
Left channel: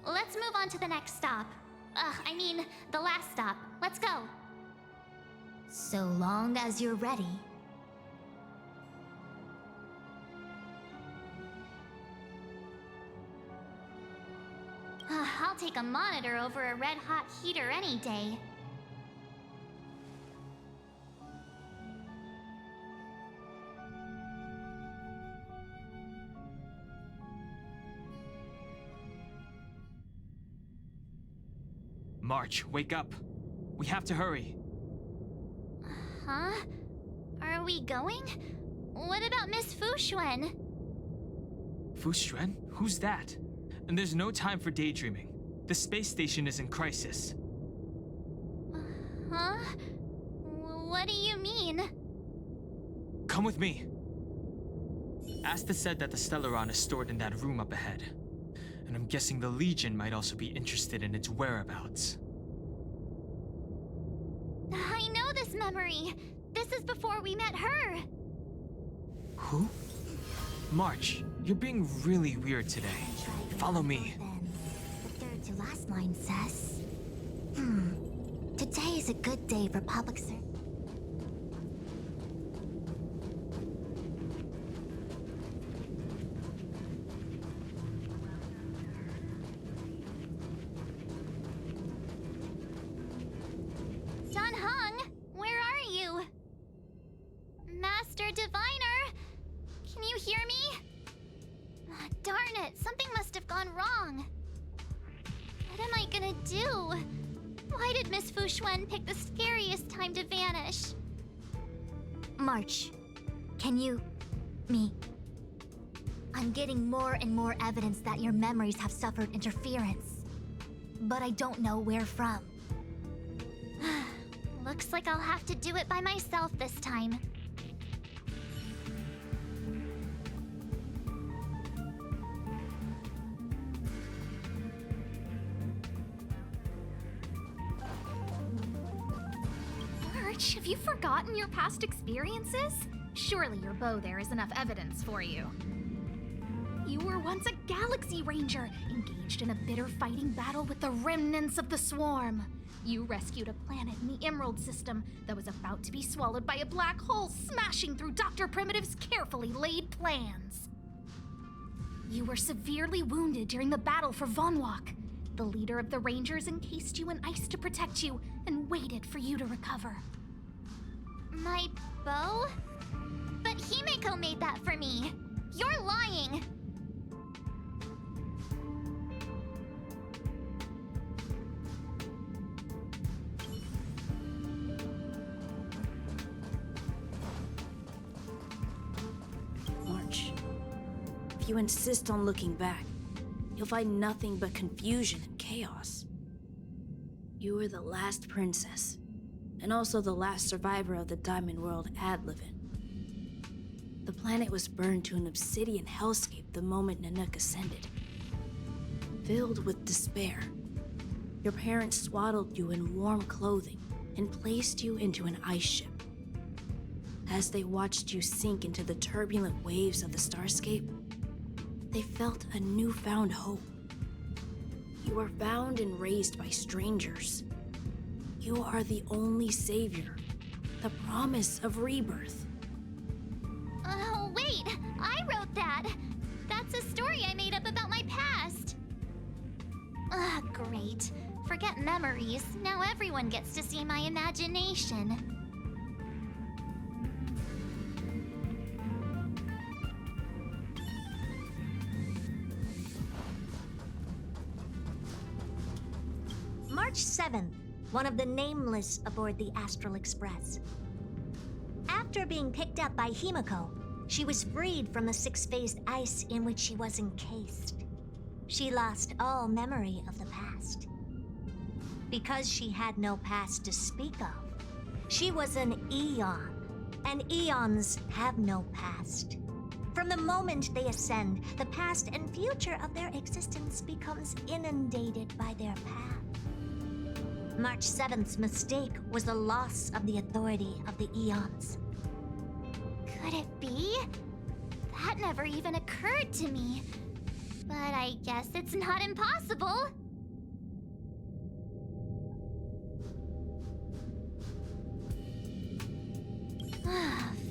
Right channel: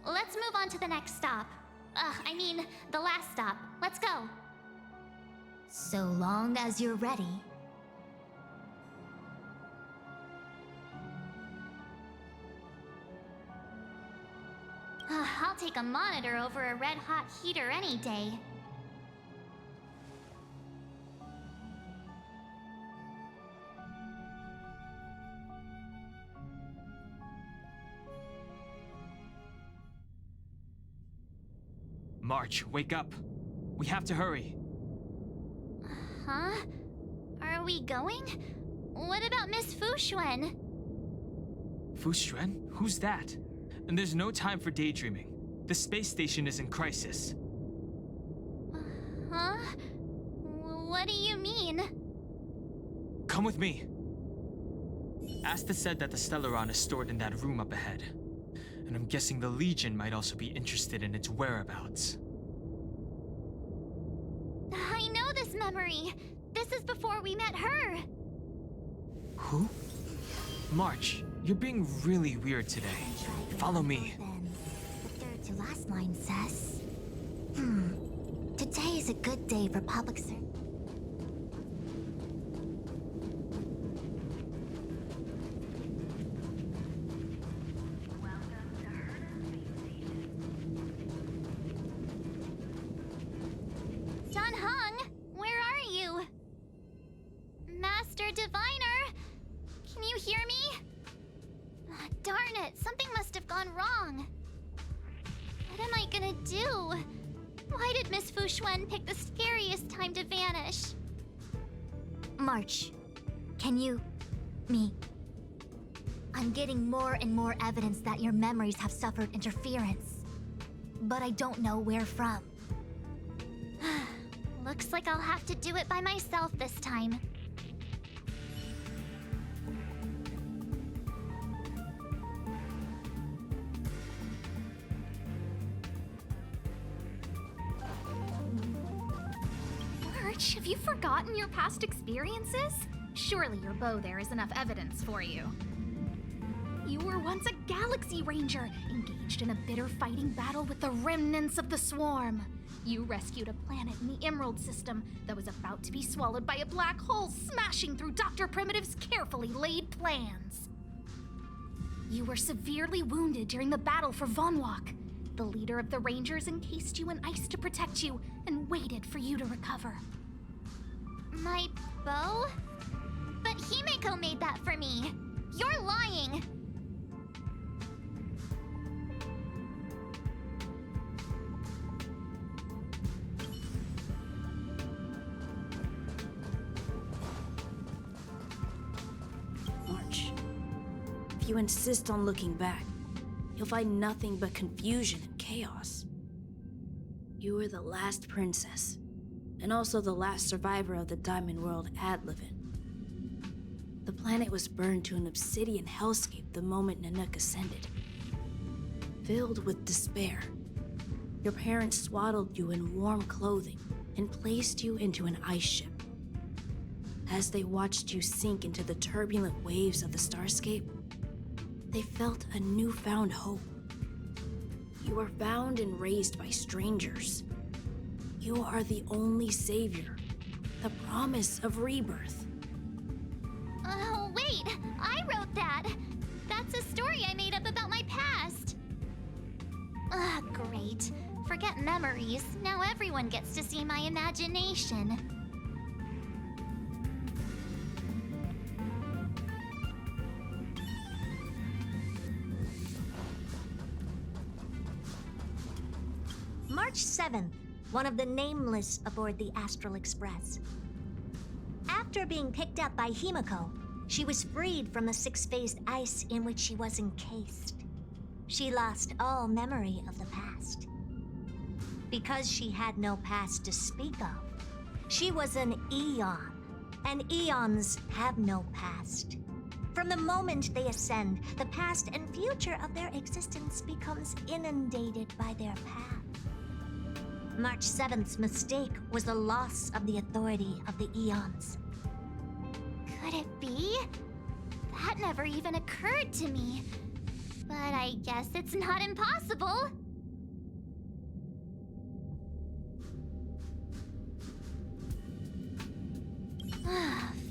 Let's move on to the next stop. I mean, the last stop. Let's go. So long as you're ready. I'll take a monitor over a red-hot heater any day. March, wake up. We have to hurry. Huh? Are we going? What about Miss Fushuen? Fushuen? Who's that? And there's no time for daydreaming. The space station is in crisis. Huh? What do you mean? Come with me. Asta said that the Stellaron is stored in that room up ahead. And I'm guessing the Legion might also be interested in its whereabouts. I know this memory. This is before we met her. Who? March, you're being really weird today. Follow me. The third to last line says... Today is a good day for public service. Dunhung, where are you? Master Diviner, can you hear me? Darn it, something must have gone wrong. What am I gonna do? Why did Miss Fushuen pick the scariest time to vanish? March, can you... me... I'm getting more and more evidence that your memories have suffered interference. But I don't know where from. Looks like I'll have to do it by myself this time. March, have you forgotten your past experiences? Surely your bow there is enough evidence for you. You were once a Galaxy Ranger, engaged in a bitter fighting battle with the remnants of the Swarm. You rescued a planet in the Emerald System that was about to be swallowed by a black hole, smashing through Dr. Primitive's carefully laid plans. You were severely wounded during the battle for Vonwalk. The leader of the Rangers encased you in ice to protect you and waited for you to recover. My bow? But Himeko made that for me. You're lying. March, if you insist on looking back, you'll find nothing but confusion and chaos. You were the last princess, and also the last survivor of the Diamond World Adlevin. The planet was burned to an obsidian hellscape the moment Nanook ascended. Filled with despair, your parents swaddled you in warm clothing and placed you into an ice ship. As they watched you sink into the turbulent waves of the starscape, they felt a newfound hope. You were found and raised by strangers. You are the only savior, the promise of rebirth. Oh, wait! I wrote that! That's a story I made up about my past! Great. Forget memories. Now everyone gets to see my imagination. March 7th, one of the Nameless aboard the Astral Express. After being picked up by Himiko, she was freed from the six-phased ice in which she was encased. She lost all memory of the past. Because she had no past to speak of, she was an Eon, and Eons have no past. From the moment they ascend, the past and future of their existence becomes inundated by their path. March 7th's mistake was the loss of the authority of the Eons. Could it be? That never even occurred to me. But I guess it's not impossible.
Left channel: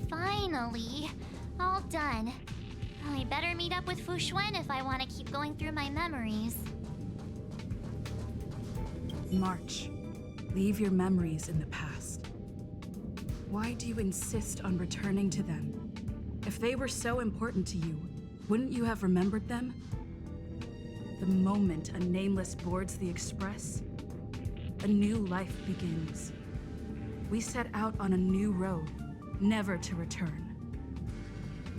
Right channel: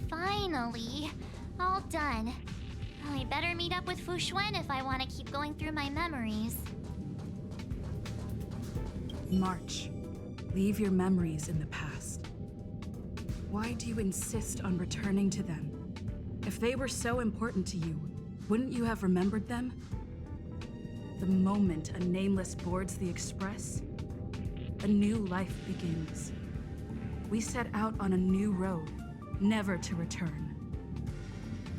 Finally. All done. I better meet up with Fu Xuan if I want to keep going through my memories. March, leave your memories in the past. Why do you insist on returning to them? If they were so important to you, wouldn't you have remembered them? The moment a Nameless boards the Express, a new life begins. We set out on a new road, never to return.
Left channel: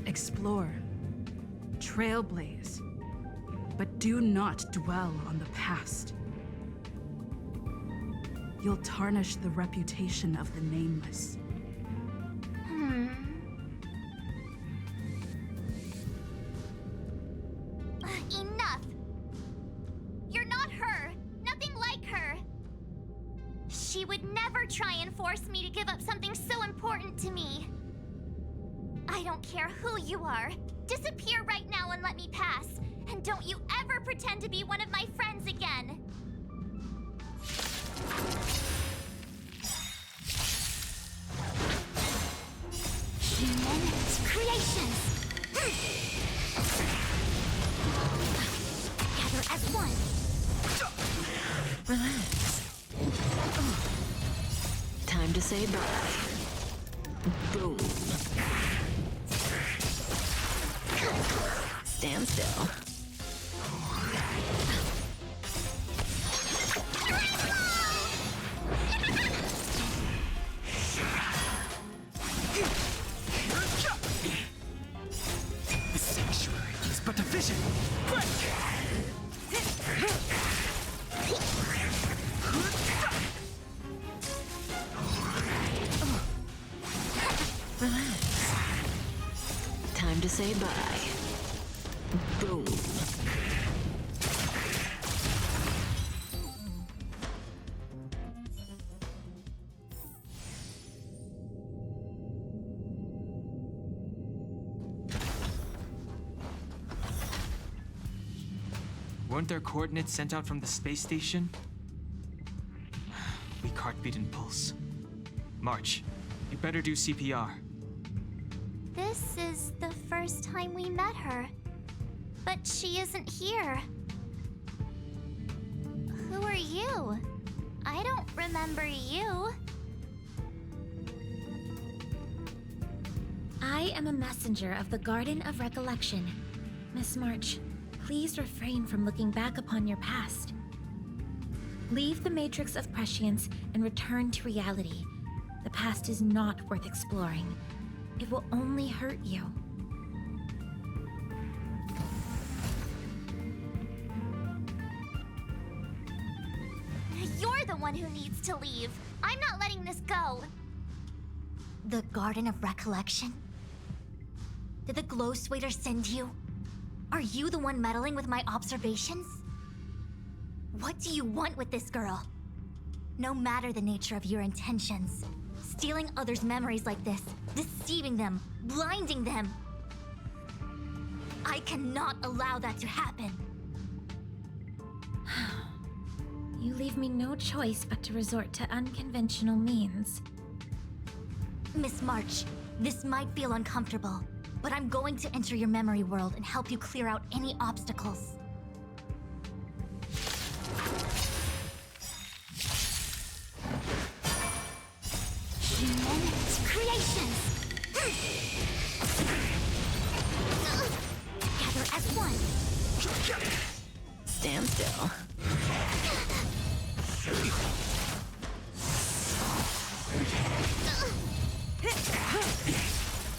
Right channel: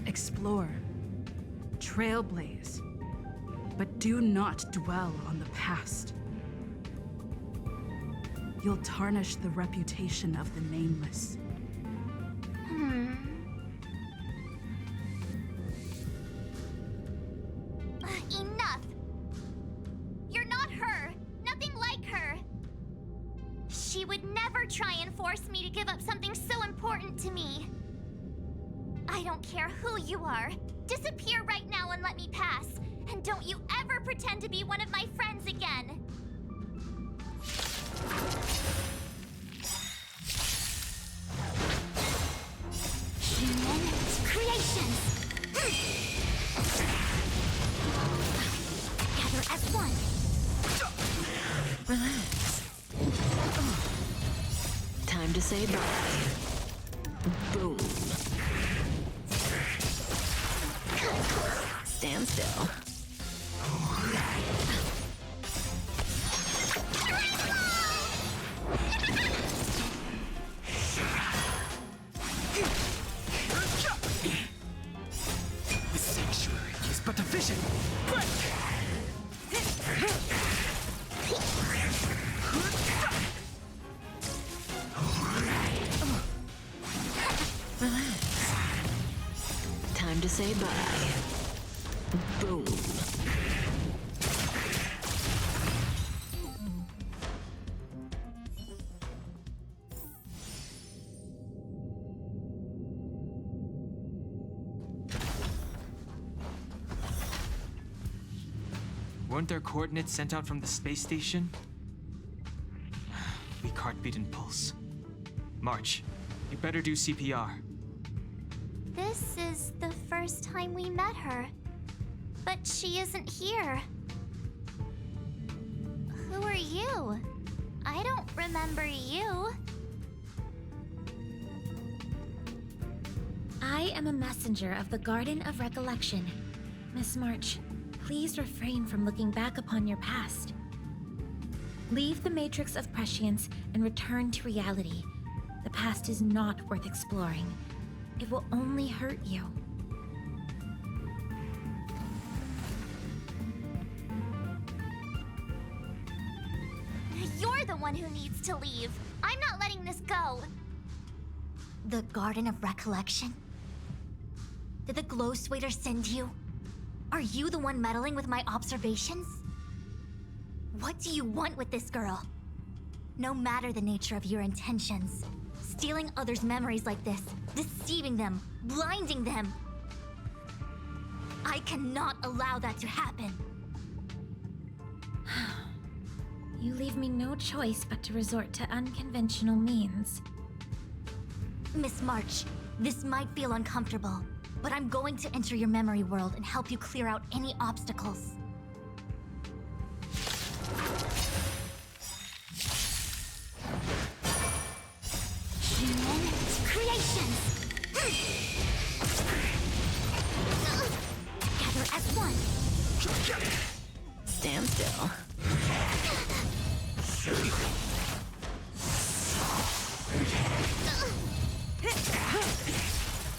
Explore, trailblaze, but do not dwell on the past. You'll tarnish the reputation of the Nameless. Enough! You're not her! Nothing like her! She would never try and force me to give up something so important to me. I don't care who you are. Disappear right now and let me pass. And don't you ever pretend to be one of my friends again. Human creations! Together as one! Relax. Time to say bye. Boom. Stand still. The sanctuary is but a vision. Break! Relax. Time to say bye. Boom. Weren't there coordinates sent out from the space station? Weak heartbeat and pulse. March, you better do CPR. This is the first time we met her. But she isn't here. Who are you? I don't remember you. I am a messenger of the Garden of Recollection. Miss March, please refrain from looking back upon your past. Leave the matrix of prescience and return to reality. The past is not worth exploring. It will only hurt you. You're the one who needs to leave. I'm not letting this go. The Garden of Recollection? Did the Glow Swader send you? Are you the one meddling with my observations? What do you want with this girl? No matter the nature of your intentions, stealing others' memories like this, deceiving them, blinding them. I cannot allow that to happen. You leave me no choice but to resort to unconventional means. Miss March, this might feel uncomfortable, but I'm going to enter your memory world and help you clear out any obstacles. Human creations! Together as one! Stand still.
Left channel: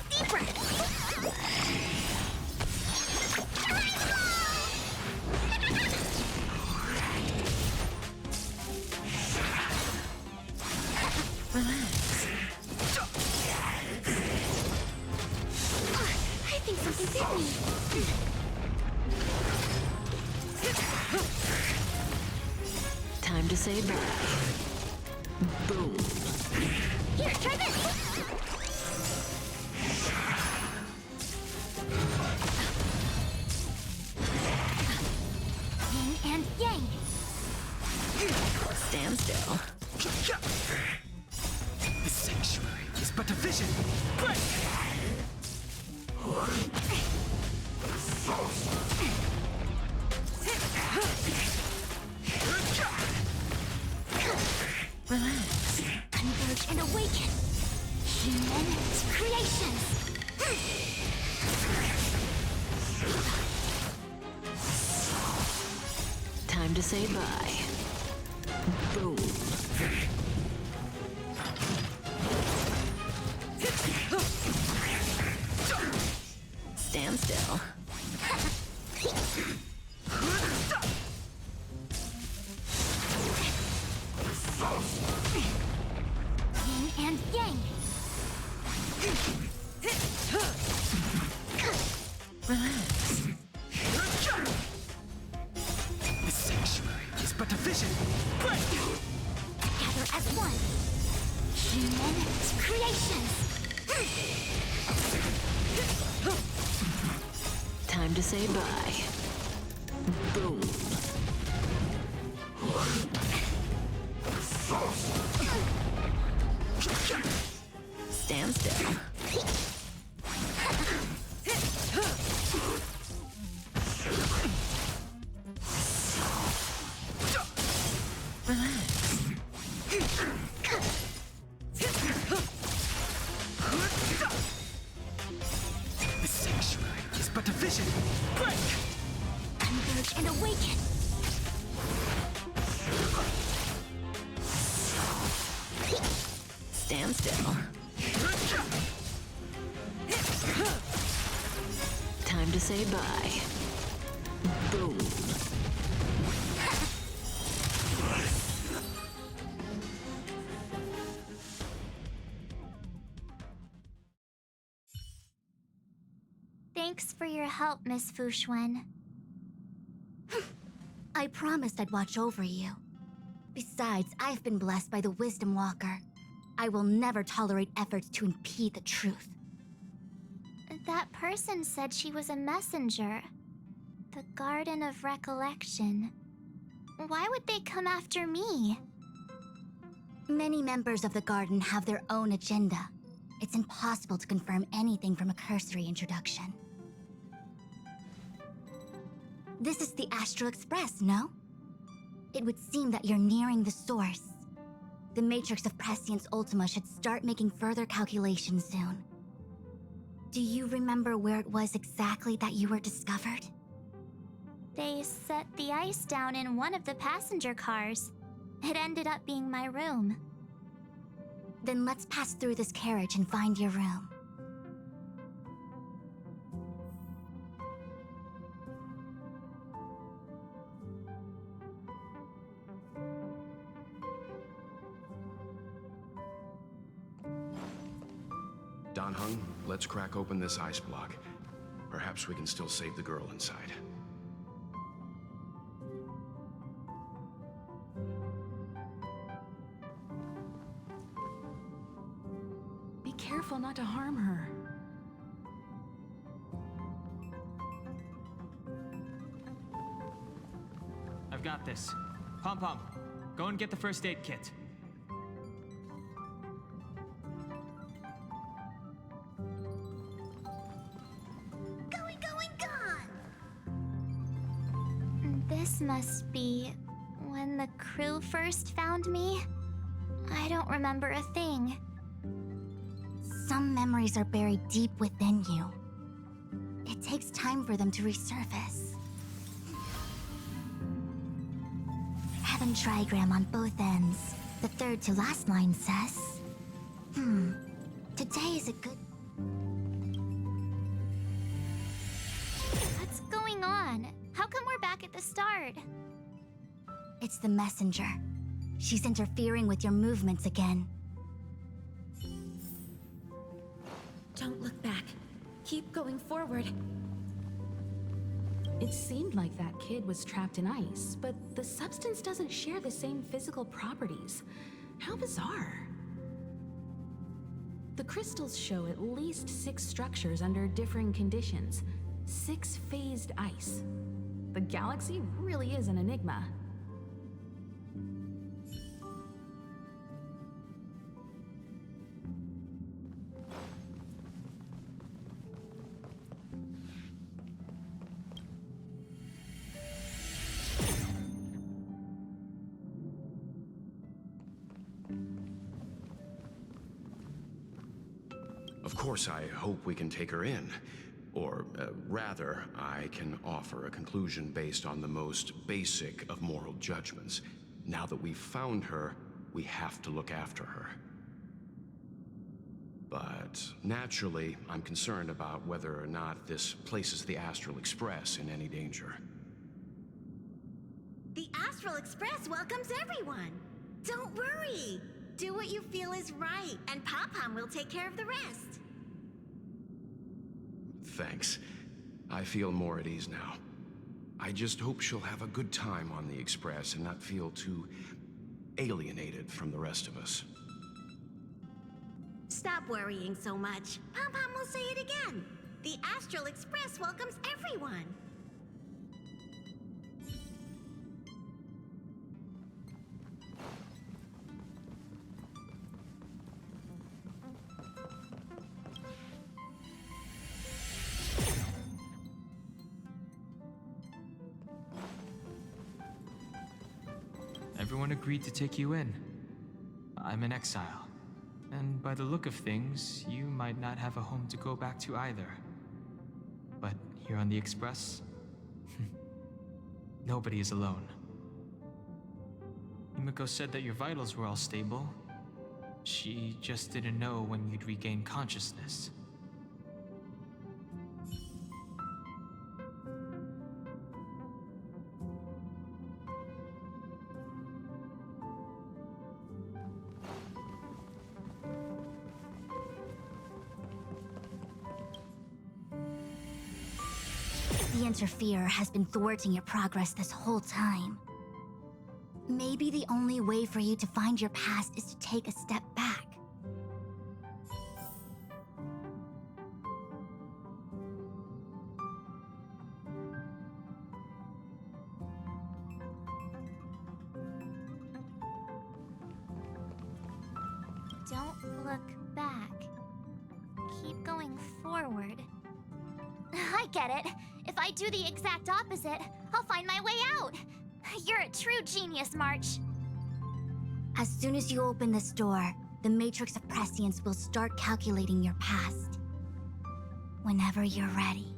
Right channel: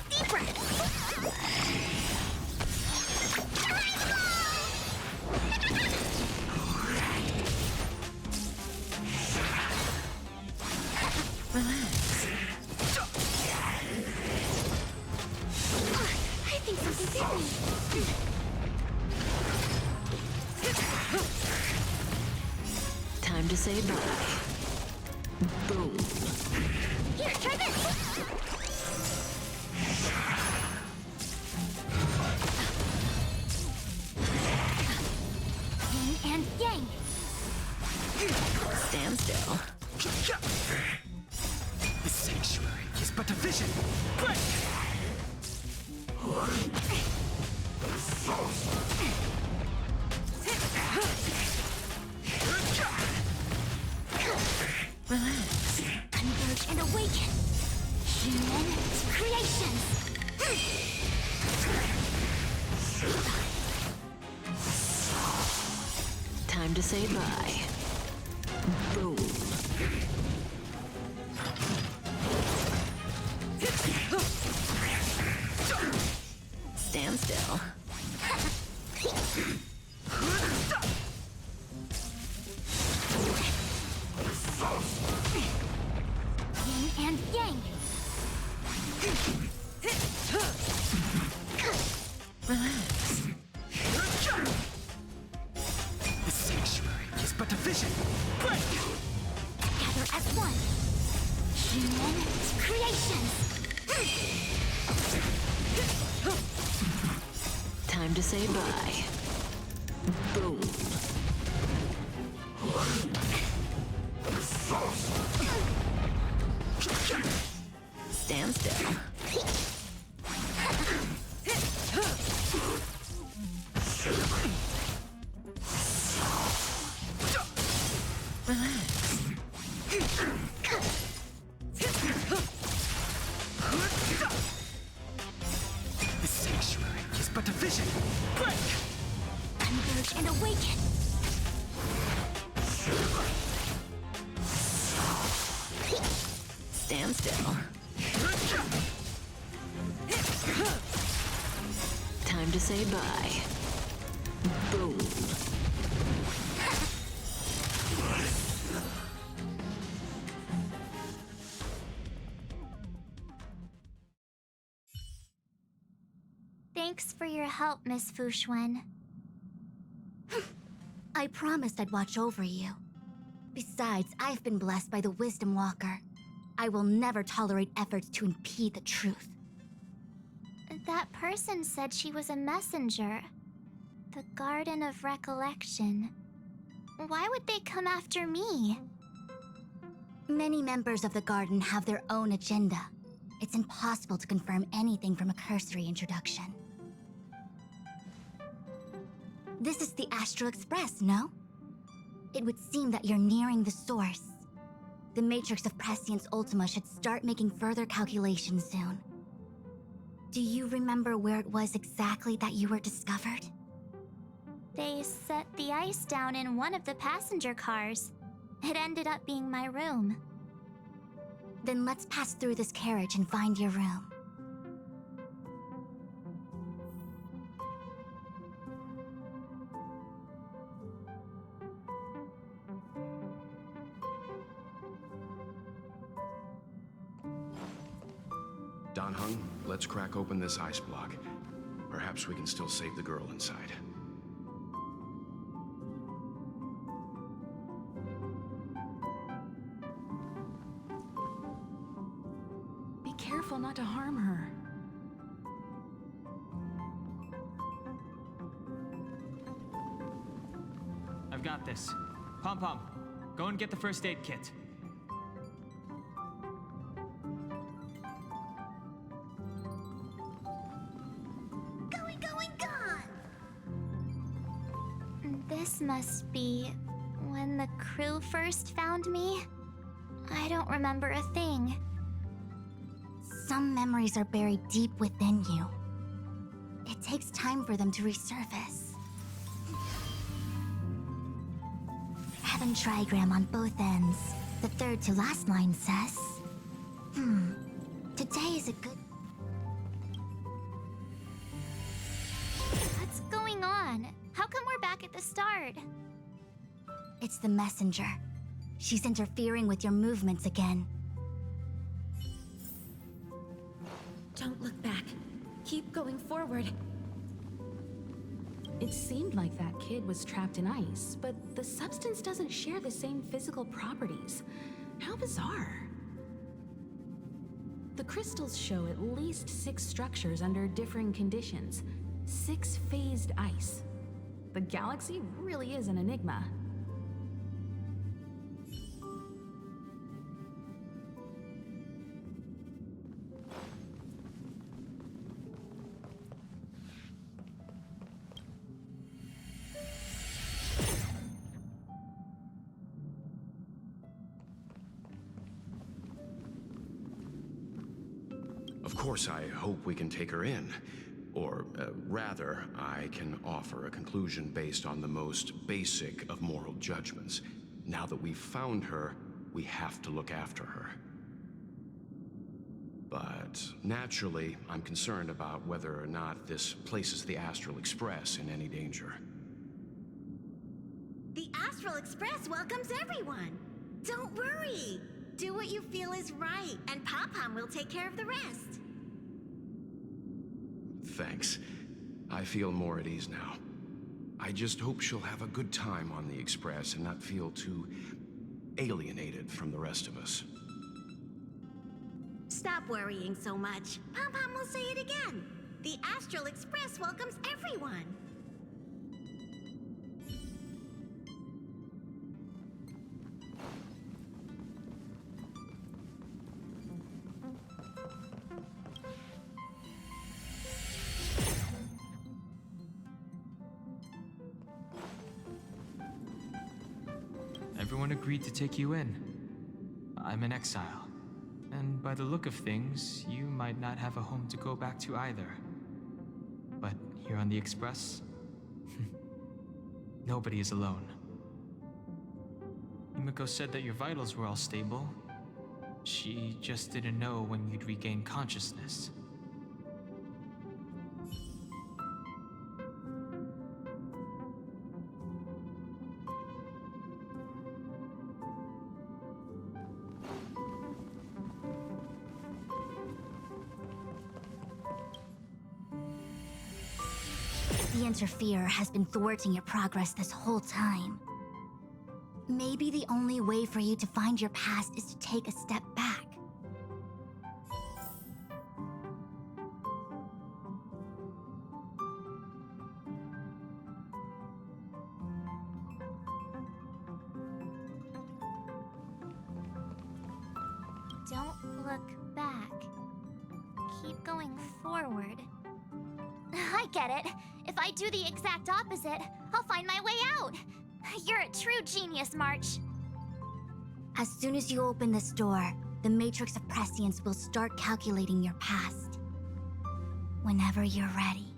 Deep breath! Relax. I think something bit me. Time to say bye. Boom. Here, try this! Yin and yang! Stand still. The sanctuary is but a vision. Break! Relax. Converge and awaken! Human creations! Time to say bye. Boom. Stand still. Yin and yang! Relax. The sanctuary is but a vision. Break! Together as one! Human creations! Time to say bye. Boom. Stand still. Relax. The sanctuary is but a vision. Break! Converge and awaken! Stand still. Time to say bye. Boom. Thanks for your help, Miss Fushuen. I promised I'd watch over you. Besides, I've been blessed by the Wisdom Walker. I will never tolerate efforts to impede the truth. That person said she was a messenger. The Garden of Recollection. Why would they come after me? Many members of the Garden have their own agenda. It's impossible to confirm anything from a cursory introduction. This is the Astral Express, no? It would seem that you're nearing the source. The Matrix of Prescience Ultima should start making further calculations soon. Do you remember where it was exactly that you were discovered? They set the ice down in one of the passenger cars. It ended up being my room. Then let's pass through this carriage and find your room. Dan-hung, let's crack open this ice block. Perhaps we can still save the girl inside. Be careful not to harm her. I've got this. Pom-Pom, go and get the first aid kit. Going, gone! This must be when the crew first found me. I don't remember a thing. Some memories are buried deep within you. It takes time for them to resurface. Heaven trigram on both ends. The third to last line says, today is a good... What's going on? How come we're back at the start? It's the messenger. She's interfering with your movements again. Don't look back. Keep going forward. It seemed like that kid was trapped in ice, but the substance doesn't share the same physical properties. How bizarre. The crystals show at least 6 structures under differing conditions. 6 phased ice. The galaxy really is an enigma. Of course, I hope we can take her in. Or, rather, I can offer a conclusion based on the most basic of moral judgments. Now that we've found her, we have to look after her. But naturally, I'm concerned about whether or not this places the Astral Express in any danger. The Astral Express welcomes everyone. Don't worry. Do what you feel is right, and Pom-Pom will take care of the rest. Thanks. I feel more at ease now. I just hope she'll have a good time on the Express and not feel too alienated from the rest of us. Stop worrying so much. Pom-Pom will say it again. The Astral Express welcomes everyone. Everyone agreed to take you in. I'm in exile. And by the look of things, you might not have a home to go back to either. But here on the Express, nobody is alone. Himiko said that your vitals were all stable. She just didn't know when you'd regain consciousness. The Interferer has been thwarting your progress this whole time. Maybe the only way for you to find your past is to take a step back. Don't look back. Keep going forward. I get it. If I do the exact opposite, I'll find my way out. You're a true genius, March. As soon as you open this door, the Matrix of Prescience will start calculating your past. Whenever you're ready.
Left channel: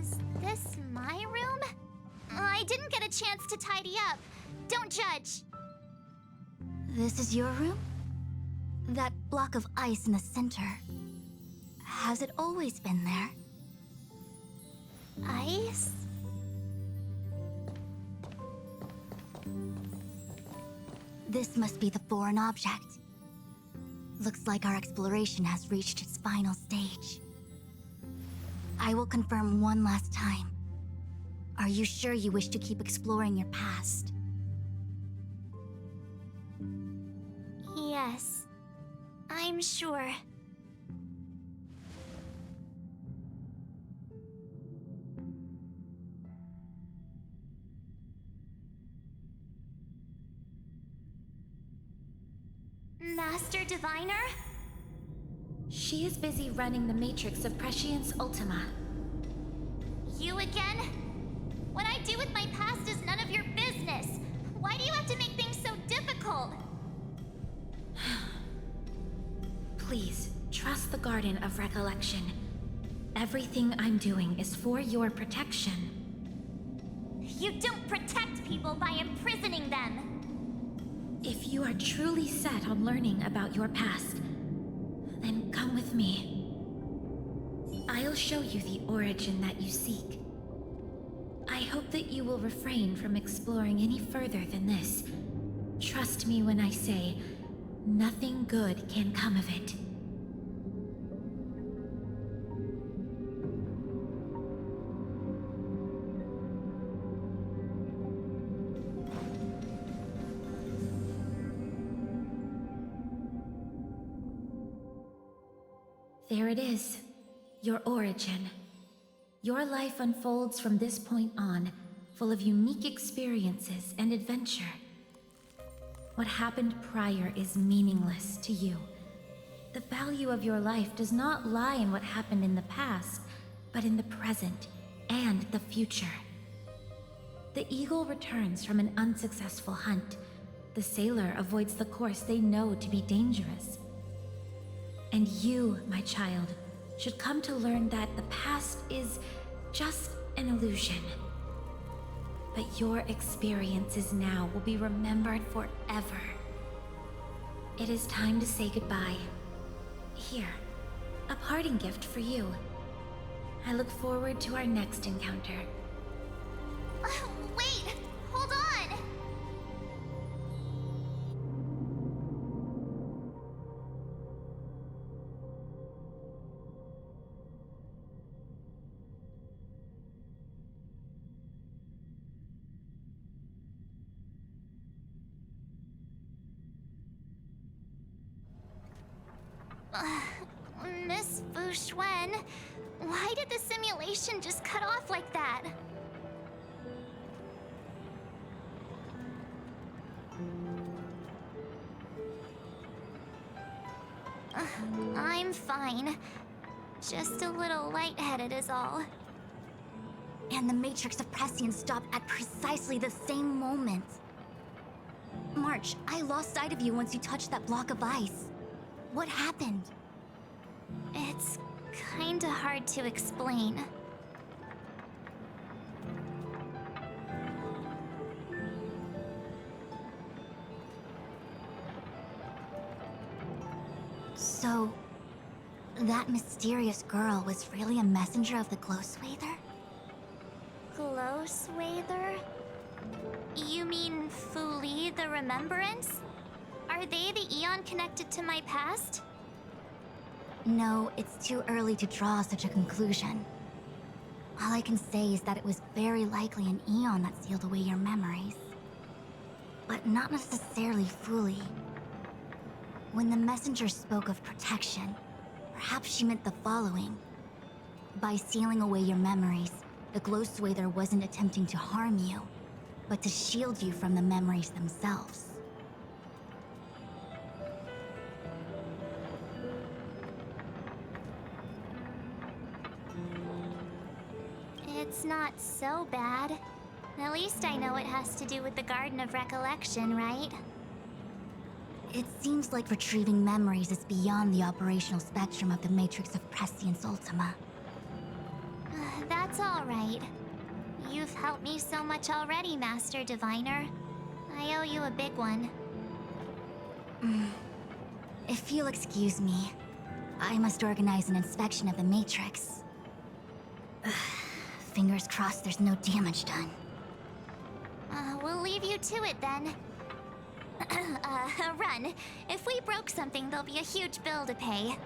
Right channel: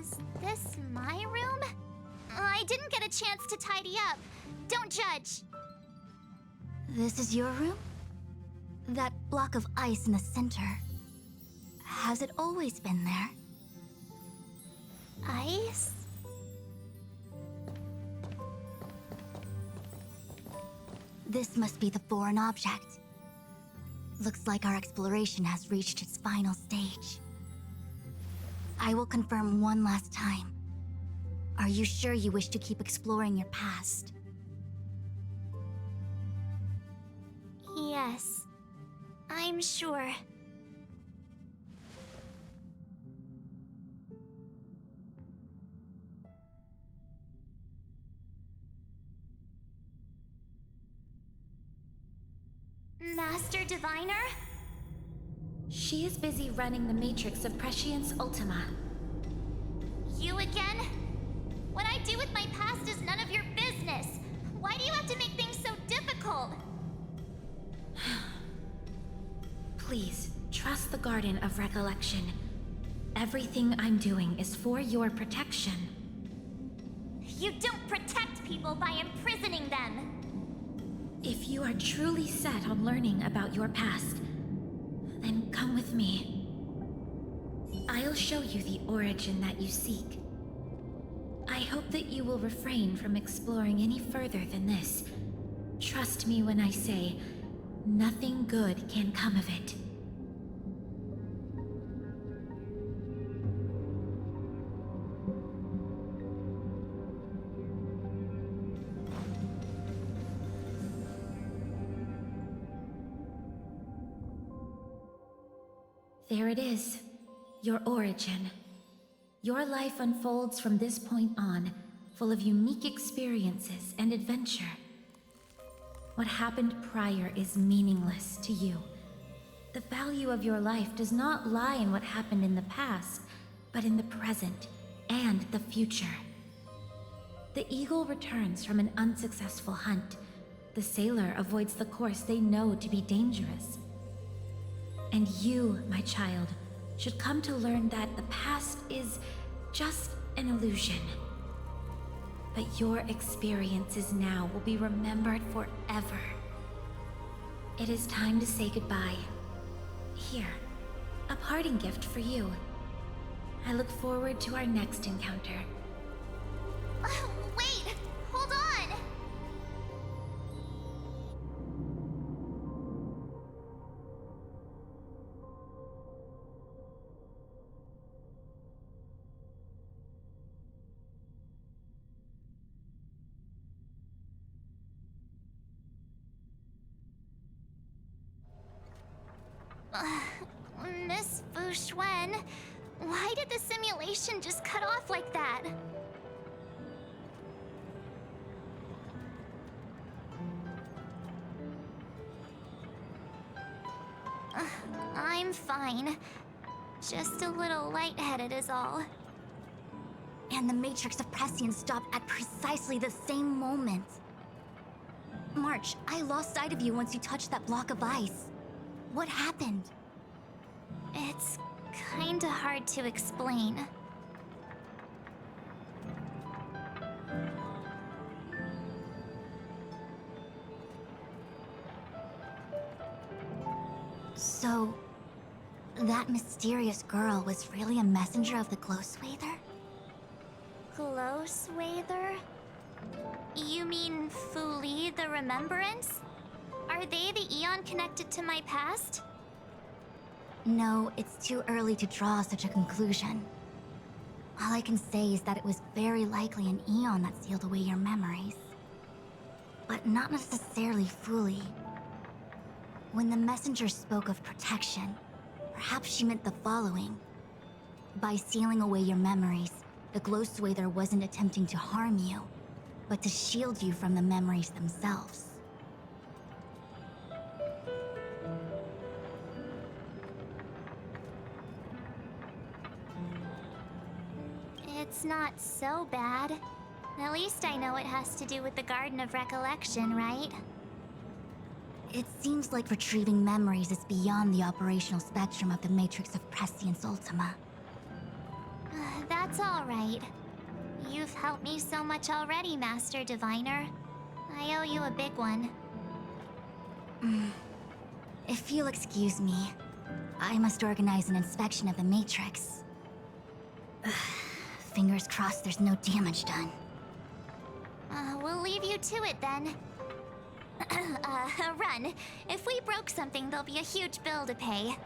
Is this my room? I didn't get a chance to tidy up. Don't judge. This is your room? That block of ice in the center. Has it always been there? Ice? This must be the foreign object. Looks like our exploration has reached its final stage. I will confirm one last time. Are you sure you wish to keep exploring your past? Yes. I'm sure. Master Diviner? She is busy running the Matrix of Prescience Ultima. You again? What I do with my past is none of your business. Why do you have to make things so difficult? Please, trust the Garden of Recollection. Everything I'm doing is for your protection. You don't protect people by imprisoning them. If you are truly set on learning about your past, then come with me. I'll show you the origin that you seek. I hope that you will refrain from exploring any further than this. Trust me when I say, nothing good can come of it. There it is, your origin. Your life unfolds from this point on, full of unique experiences and adventure. What happened prior is meaningless to you. The value of your life does not lie in what happened in the past, but in the present and the future. The eagle returns from an unsuccessful hunt. The sailor avoids the course they know to be dangerous. And you, my child, should come to learn that the past is just an illusion. But your experiences now will be remembered forever. It is time to say goodbye. Here, a parting gift for you. I look forward to our next encounter. Wait! Hold on! Miss Fu Xuan, why did the simulation just cut off like that? I'm fine. Just a little lightheaded is all. And the Matrix of Prescience stopped at precisely the same moment. March, I lost sight of you once you touched that block of ice. What happened? It's kinda hard to explain. So, that mysterious girl was really a messenger of the Glow Swather? Glow Swather? You mean Fu Li, the Remembrance? Are they the Eon connected to my past? No, it's too early to draw such a conclusion. All I can say is that it was very likely an Eon that sealed away your memories. But not necessarily fully. When the messenger spoke of protection, perhaps she meant the following. By sealing away your memories, the Glow Swather wasn't attempting to harm you, but to shield you from the memories themselves. It's not so bad. At least I know it has to do with the Garden of Recollection, right? It seems like retrieving memories is beyond the operational spectrum of the Matrix of Prescience Ultima. That's all right. You've helped me so much already, Master Diviner. I owe you a big one. If you'll excuse me, I must organize an inspection of the Matrix. Fingers crossed there's no damage done. We'll leave you to it then. Run. If we broke something, there'll be a huge bill to pay.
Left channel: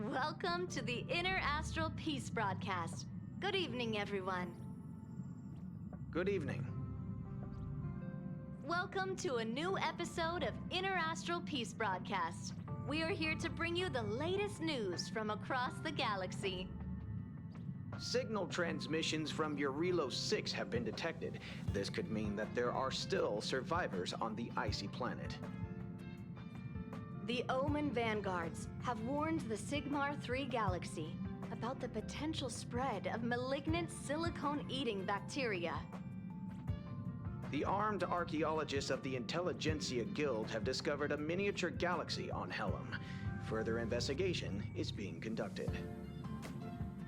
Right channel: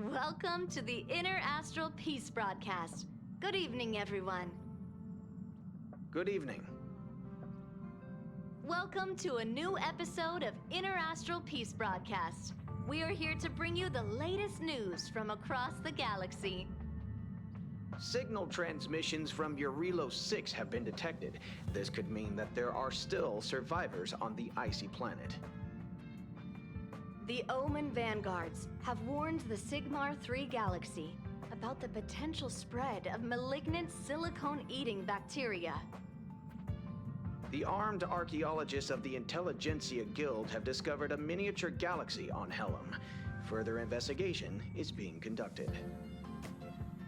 Welcome to the Inner Astral Peace broadcast. Good evening, everyone. Good evening. Welcome to a new episode of Inner Astral Peace broadcast. We are here to bring you the latest news from across the galaxy. Signal transmissions from Eurilo 6 have been detected. This could mean that there are still survivors on the icy planet. The Omen Vanguards have warned the Sigmar 3 galaxy about the potential spread of malignant silicone-eating bacteria. The armed archaeologists of the Intelligentsia Guild have discovered a miniature galaxy on Helm. Further investigation is being conducted.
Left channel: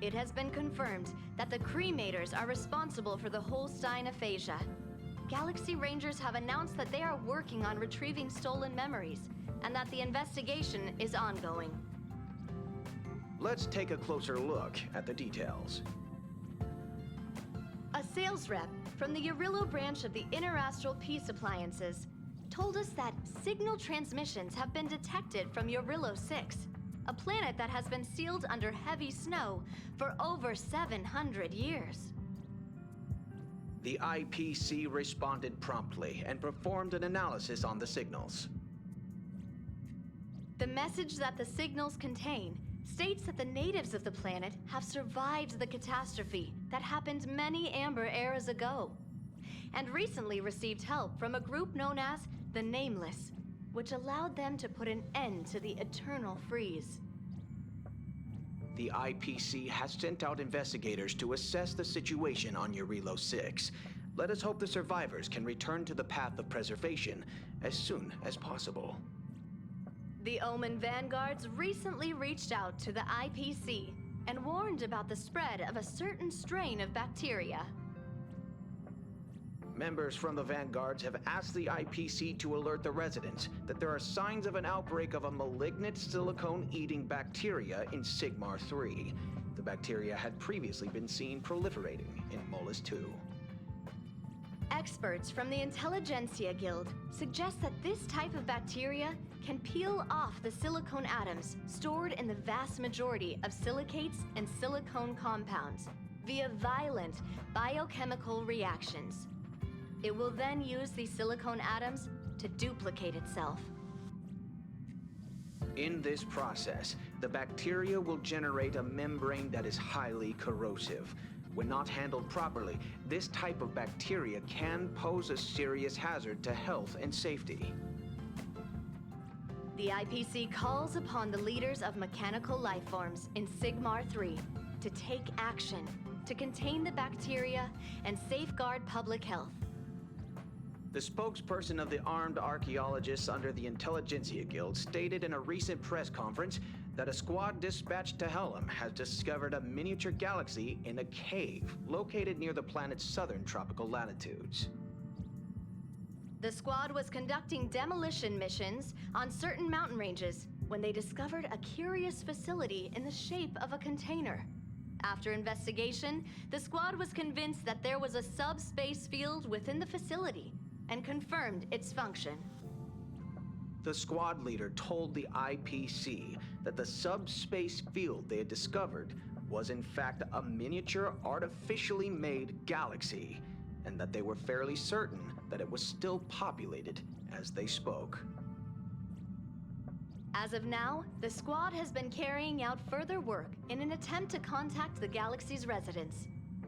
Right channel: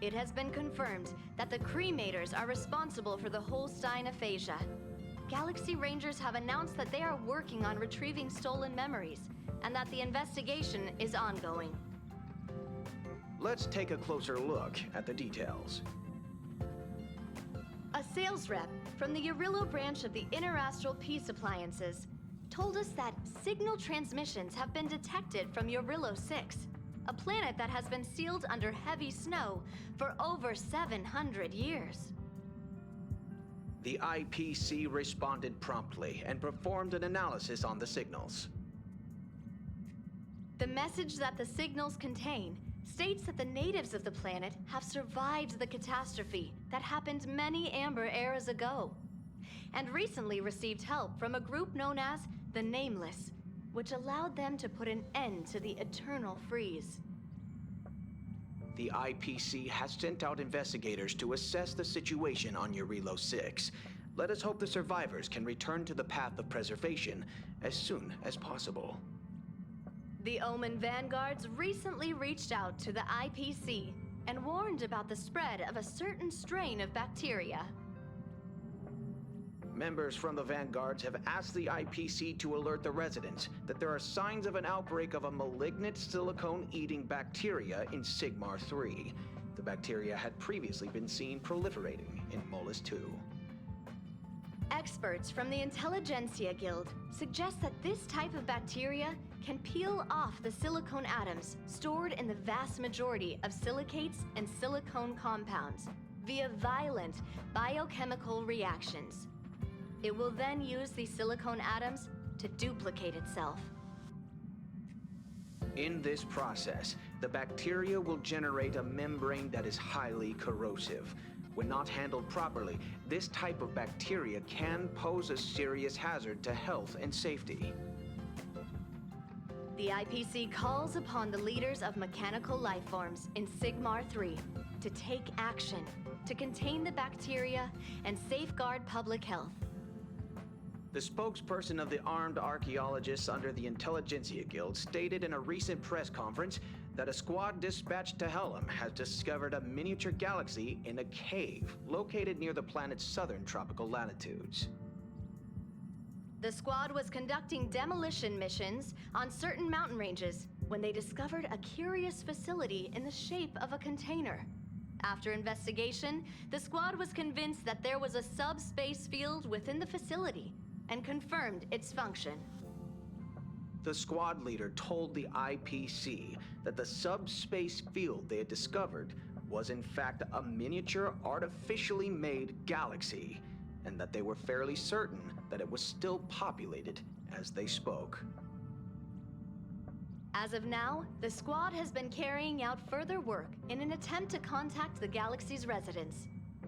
It has been confirmed that the Cremators are responsible for the Holstein aphasia. Galaxy Rangers have announced that they are working on retrieving stolen memories, and that the investigation is ongoing. Let's take a closer look at the details. A sales rep from the Eurilo branch of the Inner Astral Peace Appliances told us that signal transmissions have been detected from Eurilo 6, a planet that has been sealed under heavy snow for over 700 years. The IPC responded promptly and performed an analysis on the signals. The message that the signals contain states that the natives of the planet have survived the catastrophe that happened many Amber eras ago, and recently received help from a group known as the Nameless, which allowed them to put an end to the eternal freeze. The IPC has sent out investigators to assess the situation on Eurilo 6. Let us hope the survivors can return to the path of preservation as soon as possible. The Omen Vanguards recently reached out to the IPC and warned about the spread of a certain strain of bacteria. Members from the Vanguards have asked the IPC to alert the residents that there are signs of an outbreak of a malignant silicone-eating bacteria in Sigmar 3. The bacteria had previously been seen proliferating in Molus 2. Experts from the Intelligentsia Guild suggest that this type of bacteria can peel off the silicone atoms stored in the vast majority of silicates and silicone compounds via violent biochemical reactions. It will then use these silicone atoms to duplicate itself. In this process, the bacteria will generate a membrane that is highly corrosive. When not handled properly, this type of bacteria can pose a serious hazard to health and safety. The IPC calls upon the leaders of mechanical lifeforms in Sigmar 3 to take action to contain the bacteria and safeguard public health. The spokesperson of the armed archaeologists under the Intelligentsia Guild stated in a recent press conference that a squad dispatched to Helm has discovered a miniature galaxy in a cave located near the planet's southern tropical latitudes. The squad was conducting demolition missions on certain mountain ranges when they discovered a curious facility in the shape of a container. After investigation, the squad was convinced that there was a subspace field within the facility and confirmed its function. The squad leader told the IPC that the subspace field they had discovered was in fact a miniature artificially made galaxy, and that they were fairly certain that it was still populated as they spoke. As of now, the squad has been carrying out further work in an attempt to contact the galaxy's residents.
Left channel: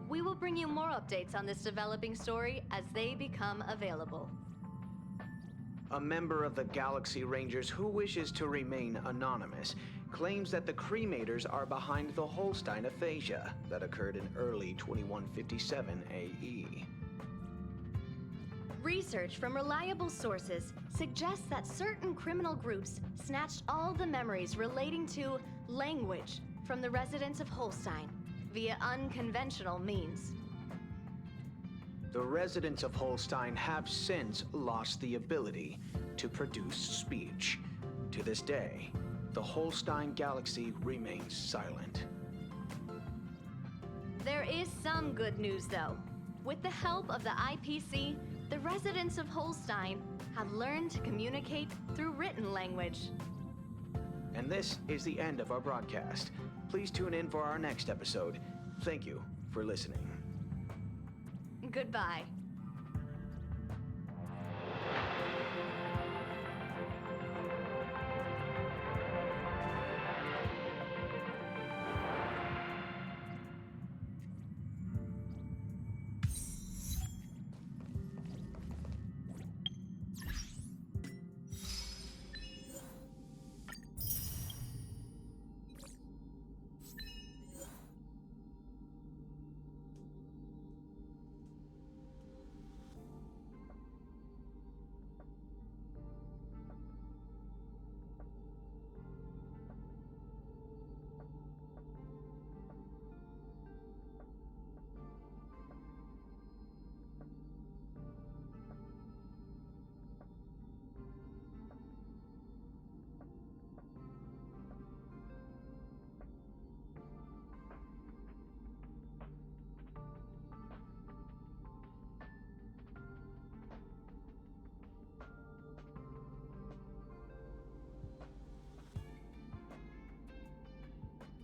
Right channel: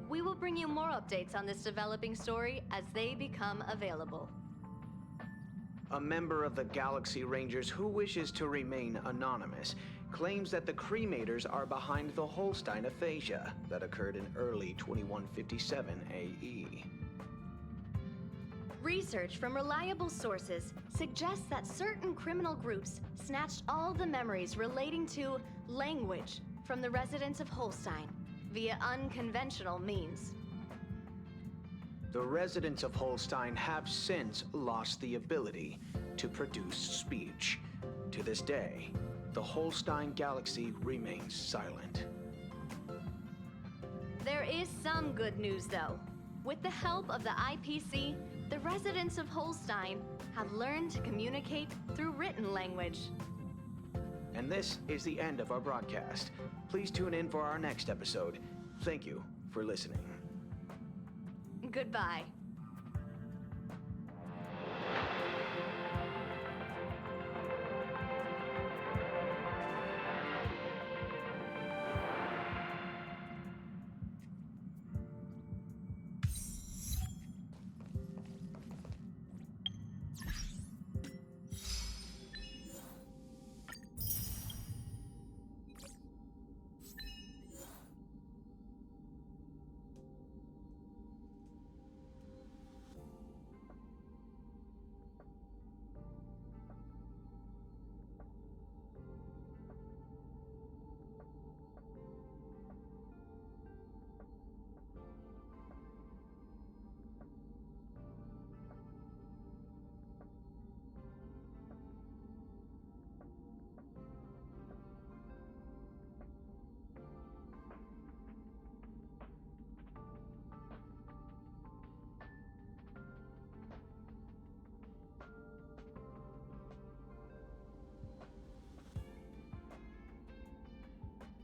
We will bring you more updates on this developing story as they become available. A member of the Galaxy Rangers who wishes to remain anonymous claims that the cremators are behind the Holstein aphasia that occurred in early 2157 AE. Research from reliable sources suggests that certain criminal groups snatched all the memories relating to language from the residents of Holstein via unconventional means. The residents of Holstein have since lost the ability to produce speech. To this day, the Holstein galaxy remains silent. There is some good news, though. With the help of the IPC, the residents of Holstein have learned to communicate through written language. And this is the end of our broadcast. Please tune in for our next episode. Thank you for listening. Goodbye.